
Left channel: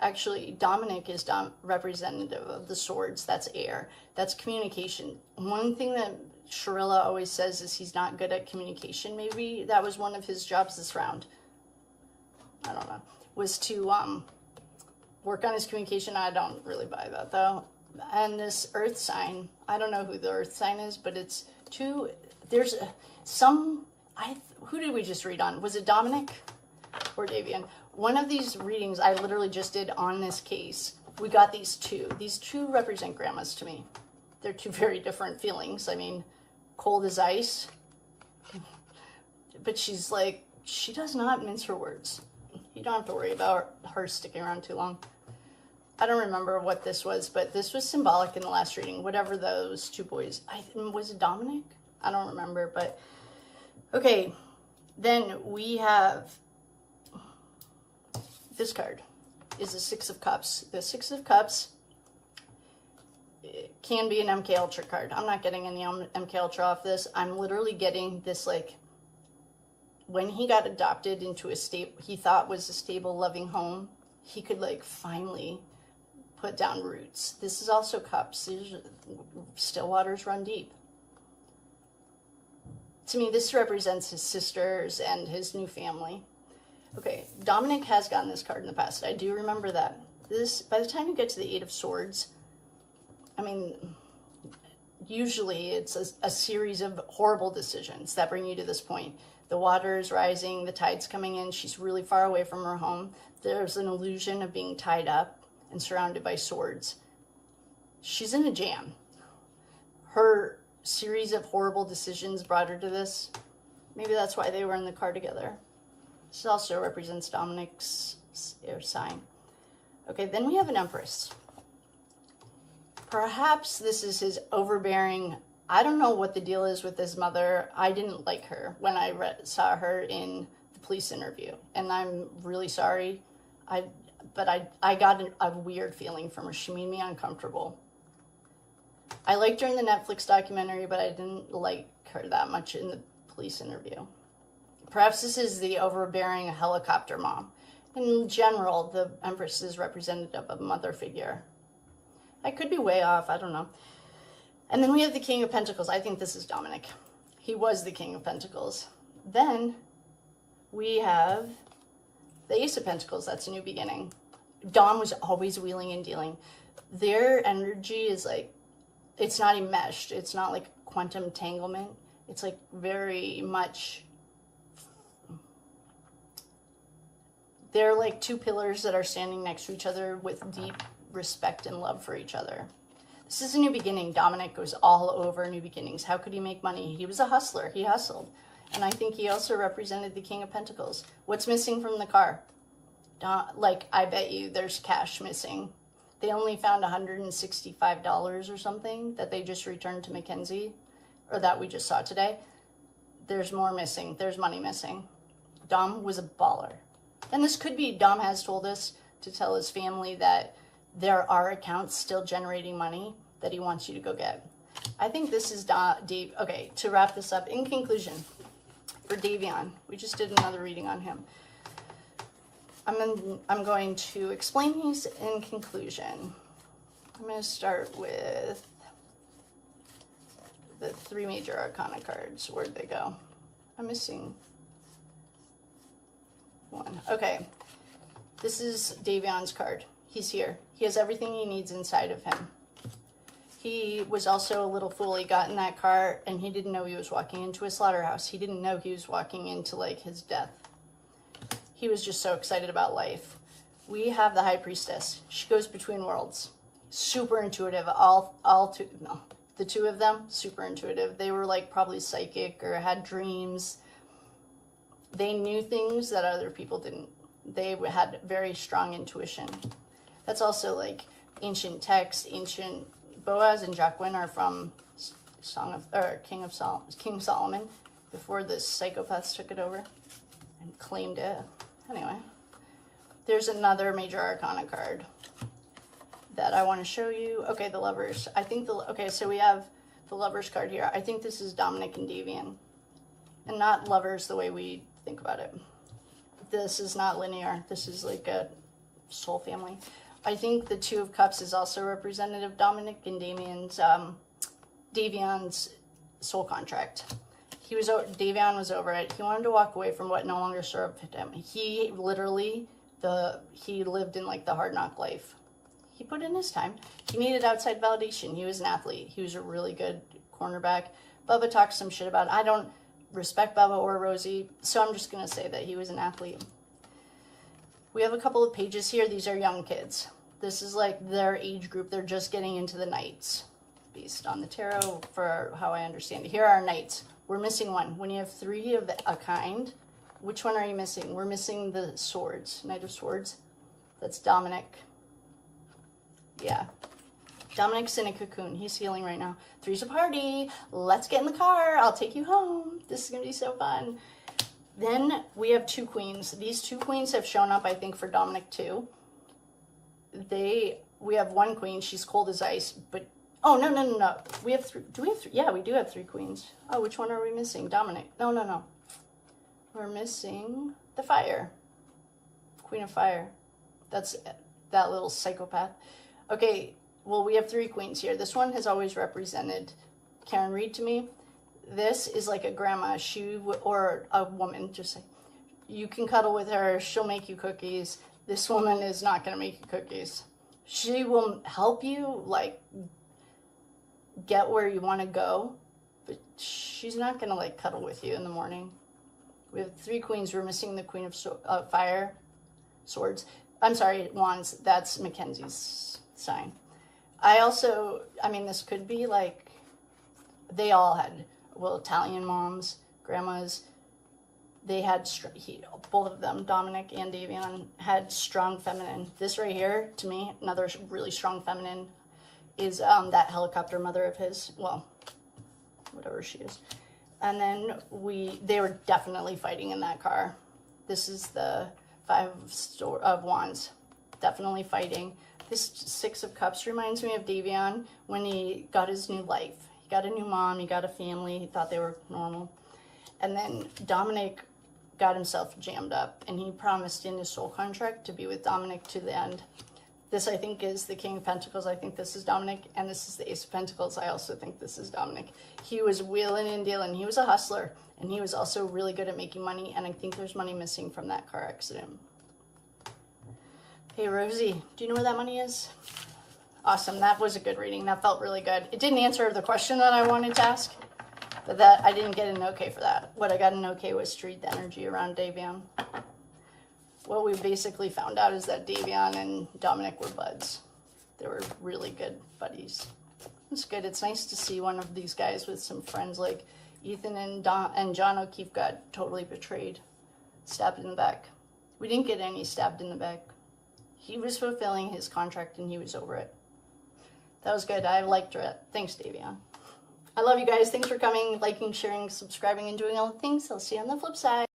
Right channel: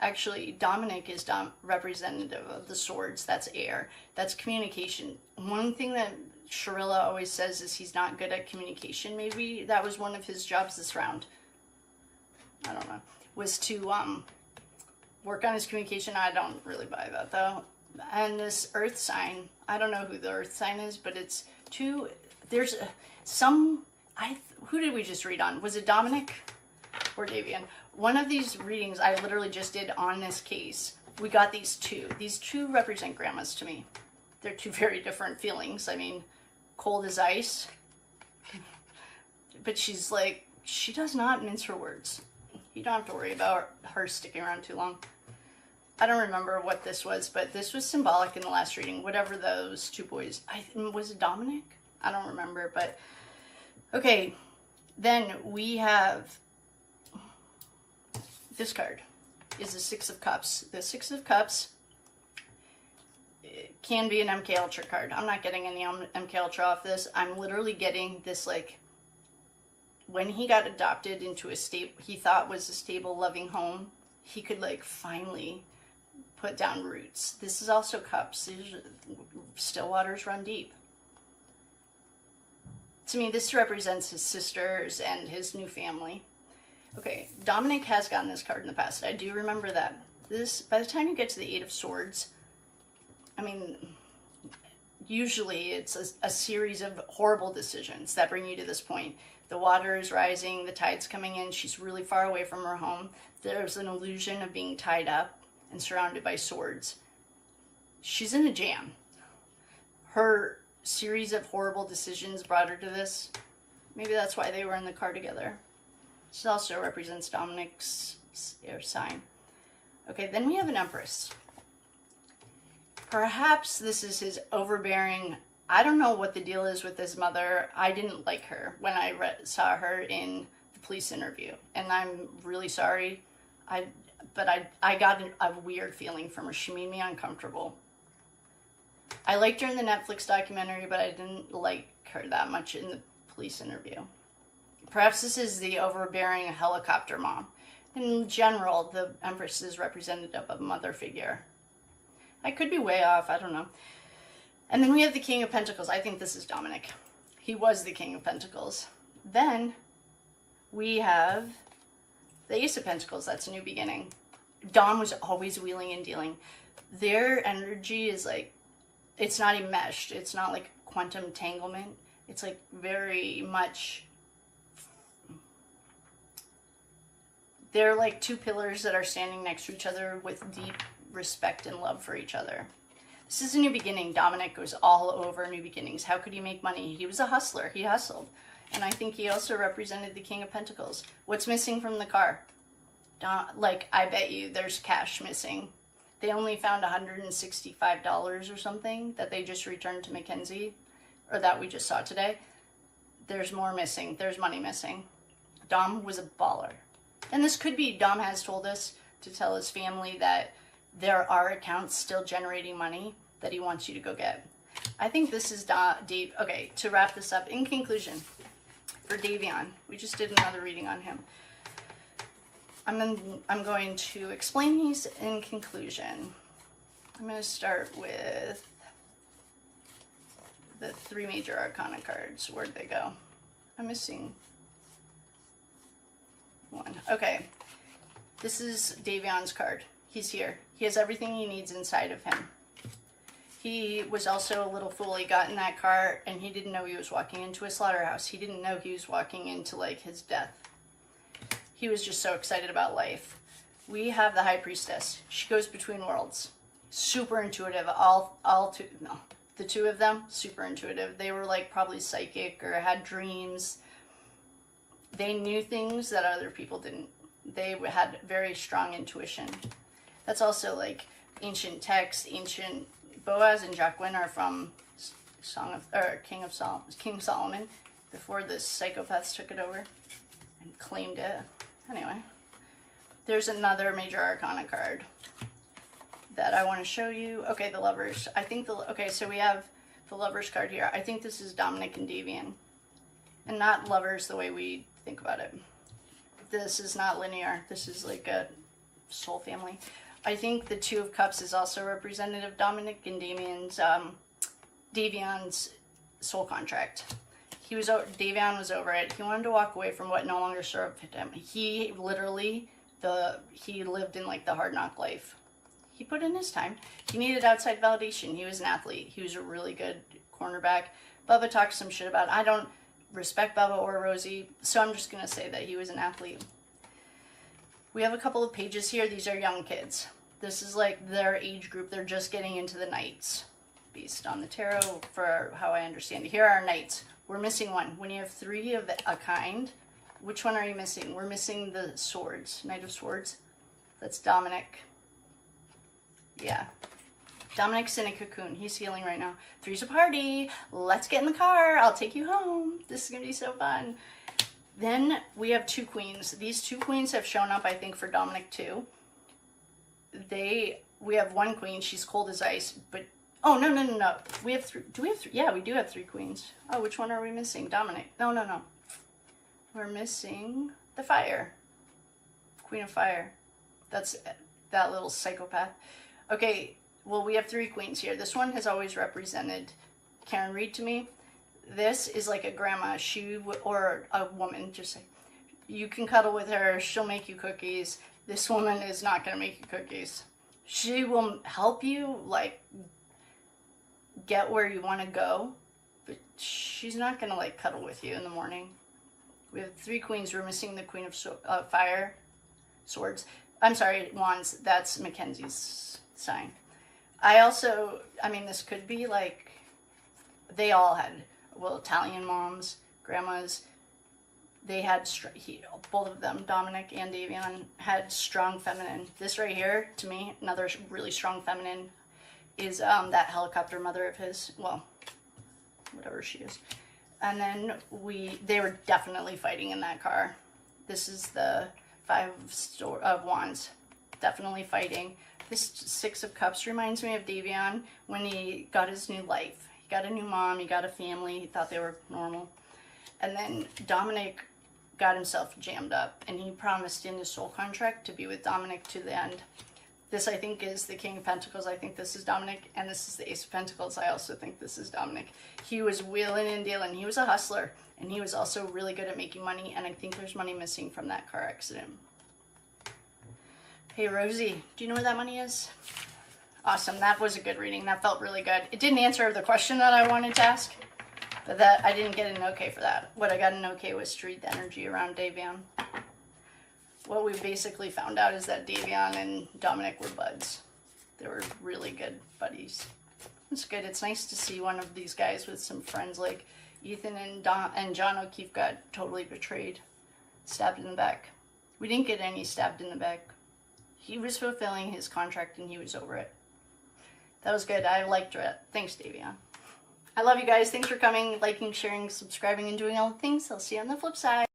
Actually, Dominic is representative of the swords. That's air. That's communication. One thing that Shirilla always says is he's not good at communication. Maybe that was one of his jobs this round. I don't know. Was to work on his communication. I don't really buy that though. And this earth sign, I don't know who the earth sign is, but it's two, there's some, who did we just read on? Was it Dominic or Davion? One of these readings I literally just did on this case. We got these two. These two represent grandmas to me. They're two very different feelings. I mean, cold as ice. But she's like, she does not mince her words. You don't have to worry about her sticking around too long. I don't remember what this was, but this was symbolic in the last reading. Whatever those two boys, was it Dominic? I don't remember, but okay. Then we have this card is the Six of Cups. The Six of Cups can be an MK Ultra card. I'm not getting any MK Ultra off this. I'm literally getting this like when he got adopted into a he thought was a stable, loving home, he could like finally put down roots. This is also cups. Still waters run deep. To me, this represents his sisters and his new family. Okay, Dominic has gotten this card in the past. I do remember that. This, by the time you get to the Eight of Swords, I mean, usually it's a series of horrible decisions that bring you to this point. The water is rising, the tide's coming in, she's really far away from her home. There's an illusion of being tied up and surrounded by swords. She's in a jam. Her series of horrible decisions brought her to this. Maybe that's why they were in the car together. This also represents Dominic's air sign. Okay, then we have an Empress. Perhaps this is his overbearing. I don't know what the deal is with his mother. I didn't like her when I saw her in the police interview, and I'm really sorry. But I got a weird feeling from her. She made me uncomfortable. I liked her in the Netflix documentary, but I didn't like her that much in the police interview. Perhaps this is the overbearing helicopter mom. In general, the Empress is representative of a mother figure. I could be way off, I don't know. And then we have the King of Pentacles. I think this is Dominic. He was the King of Pentacles. Then we have the Ace of Pentacles. That's a new beginning. Dom was always wheeling and dealing. Their energy is like, it's not enmeshed. It's not like quantum entanglement. It's like very much, they're like two pillars that are standing next to each other with deep respect and love for each other. This is a new beginning. Dominic was all over new beginnings. How could he make money? He was a hustler. He hustled. And I think he also represented the King of Pentacles. What's missing from the car? Like, I bet you there's cash missing. They only found $165 or something that they just returned to Mackenzie, or that we just saw today. There's more missing. There's money missing. Dom was a baller. And this could be, Dom has told us to tell his family that there are accounts still generating money that he wants you to go get. I think this is Dave. Okay, to wrap this up, in conclusion, for Davion, we just did another reading on him. I'm going to explain these in conclusion. I'm going to start with the three major arcana cards. Where'd they go? I'm missing one. Okay, this is Davion's card. He's here. He has everything he needs inside of him. He was also a little fool. He got in that car and he didn't know he was walking into a slaughterhouse. He didn't know he was walking into like his death. He was just so excited about life. We have the High Priestess. She goes between worlds. Super intuitive. The two of them, super intuitive. They were like probably psychic or had dreams. They knew things that other people didn't. They had very strong intuition. That's also like ancient text. Ancient Boaz and Jacqueline are from King Solomon, before the psychopaths took it over and claimed it. Anyway, there's another major arcana card that I want to show you. Okay, the Lovers. I think so we have the Lovers card here. I think this is Dominic and Davion, and not lovers the way we think about it. This is not linear. This is like a soul family. I think the Two of Cups is also representative of Dominic and Davion's soul contract. Davion was over it. He wanted to walk away from what no longer served him. He literally, he lived in like the hard knock life. He put in his time. He needed outside validation. He was an athlete. He was a really good cornerback. Bubba talks some shit about it. I don't respect Bubba or Rosie, so I'm just going to say that he was an athlete. We have a couple of pages here. These are young kids. This is like their age group. They're just getting into the Knights. Based on the tarot, for how I understand it. Here are our Knights. We're missing one. When you have three of a kind, which one are you missing? We're missing the Swords. Knight of Swords. That's Dominic. Yeah. Dominic's in a cocoon. He's healing right now. Three's a party. Let's get in the car. I'll take you home. This is going to be so fun. Then we have two queens. These two queens have shown up, I think, for Dominic too. We have one queen. She's cold as ice, but oh, no. We have three. Do we have three? Yeah, we do have three queens. Oh, which one are we missing? Dominic. No. we're missing the fire. Queen of Fire. That's that little psychopath. Okay, well, we have 3 queens here. This one has always represented Karen. Read to me. This is like a grandma. Or a woman, just say. You can cuddle with her. She'll make you cookies. This woman is not going to make you cookies. She will help you, like, get where you want to go. But she's not going to, like, cuddle with you in the morning. We have 3 queens. We're missing the Queen of Fire. Swords. I'm sorry, Wands. That's Mackenzie's sign. This could be like, they all had, well, Italian moms, grandmas. They had, both of them, Dominic and Davion, had strong feminine. This right here, to me, another really strong feminine is that helicopter mother of his. Well, whatever she is. And then they were definitely fighting in that car. This is the 5 of Wands, definitely fighting. This 6 of Cups reminds me of Davion when he got his new life. He got a new mom, he got a family, he thought they were normal. And then Dominic got himself jammed up, and he promised in his soul contract to be with Dominic to the end. This, I think, is the King of Pentacles. I think this is Dominic, and this is the Ace of Pentacles. I also think this is Dominic. He was wheeling and dealing. He was a hustler, and he was also really good at making money, and I think there's money missing from that car accident. Hey, Rosie, do you know where that money is? Awesome. That was a good reading. That felt really good. It didn't answer the question that I wanted to ask, but that I didn't get an okay for that. What I got an okay was to read the energy around Davion. What we basically found out is that Davion and Dominic were buds. They were really good buddies. It's good. It's nice to see one of these guys with some friends like Ethan and John O'Keefe got totally betrayed. Stabbed in the back. We didn't get any stabbed in the back. He was fulfilling his contract and he was over it. That was good. I liked it. Thanks, Davion. I love you guys. Thanks for coming, liking, sharing, subscribing, and doing all the things. I'll see you on the flip side.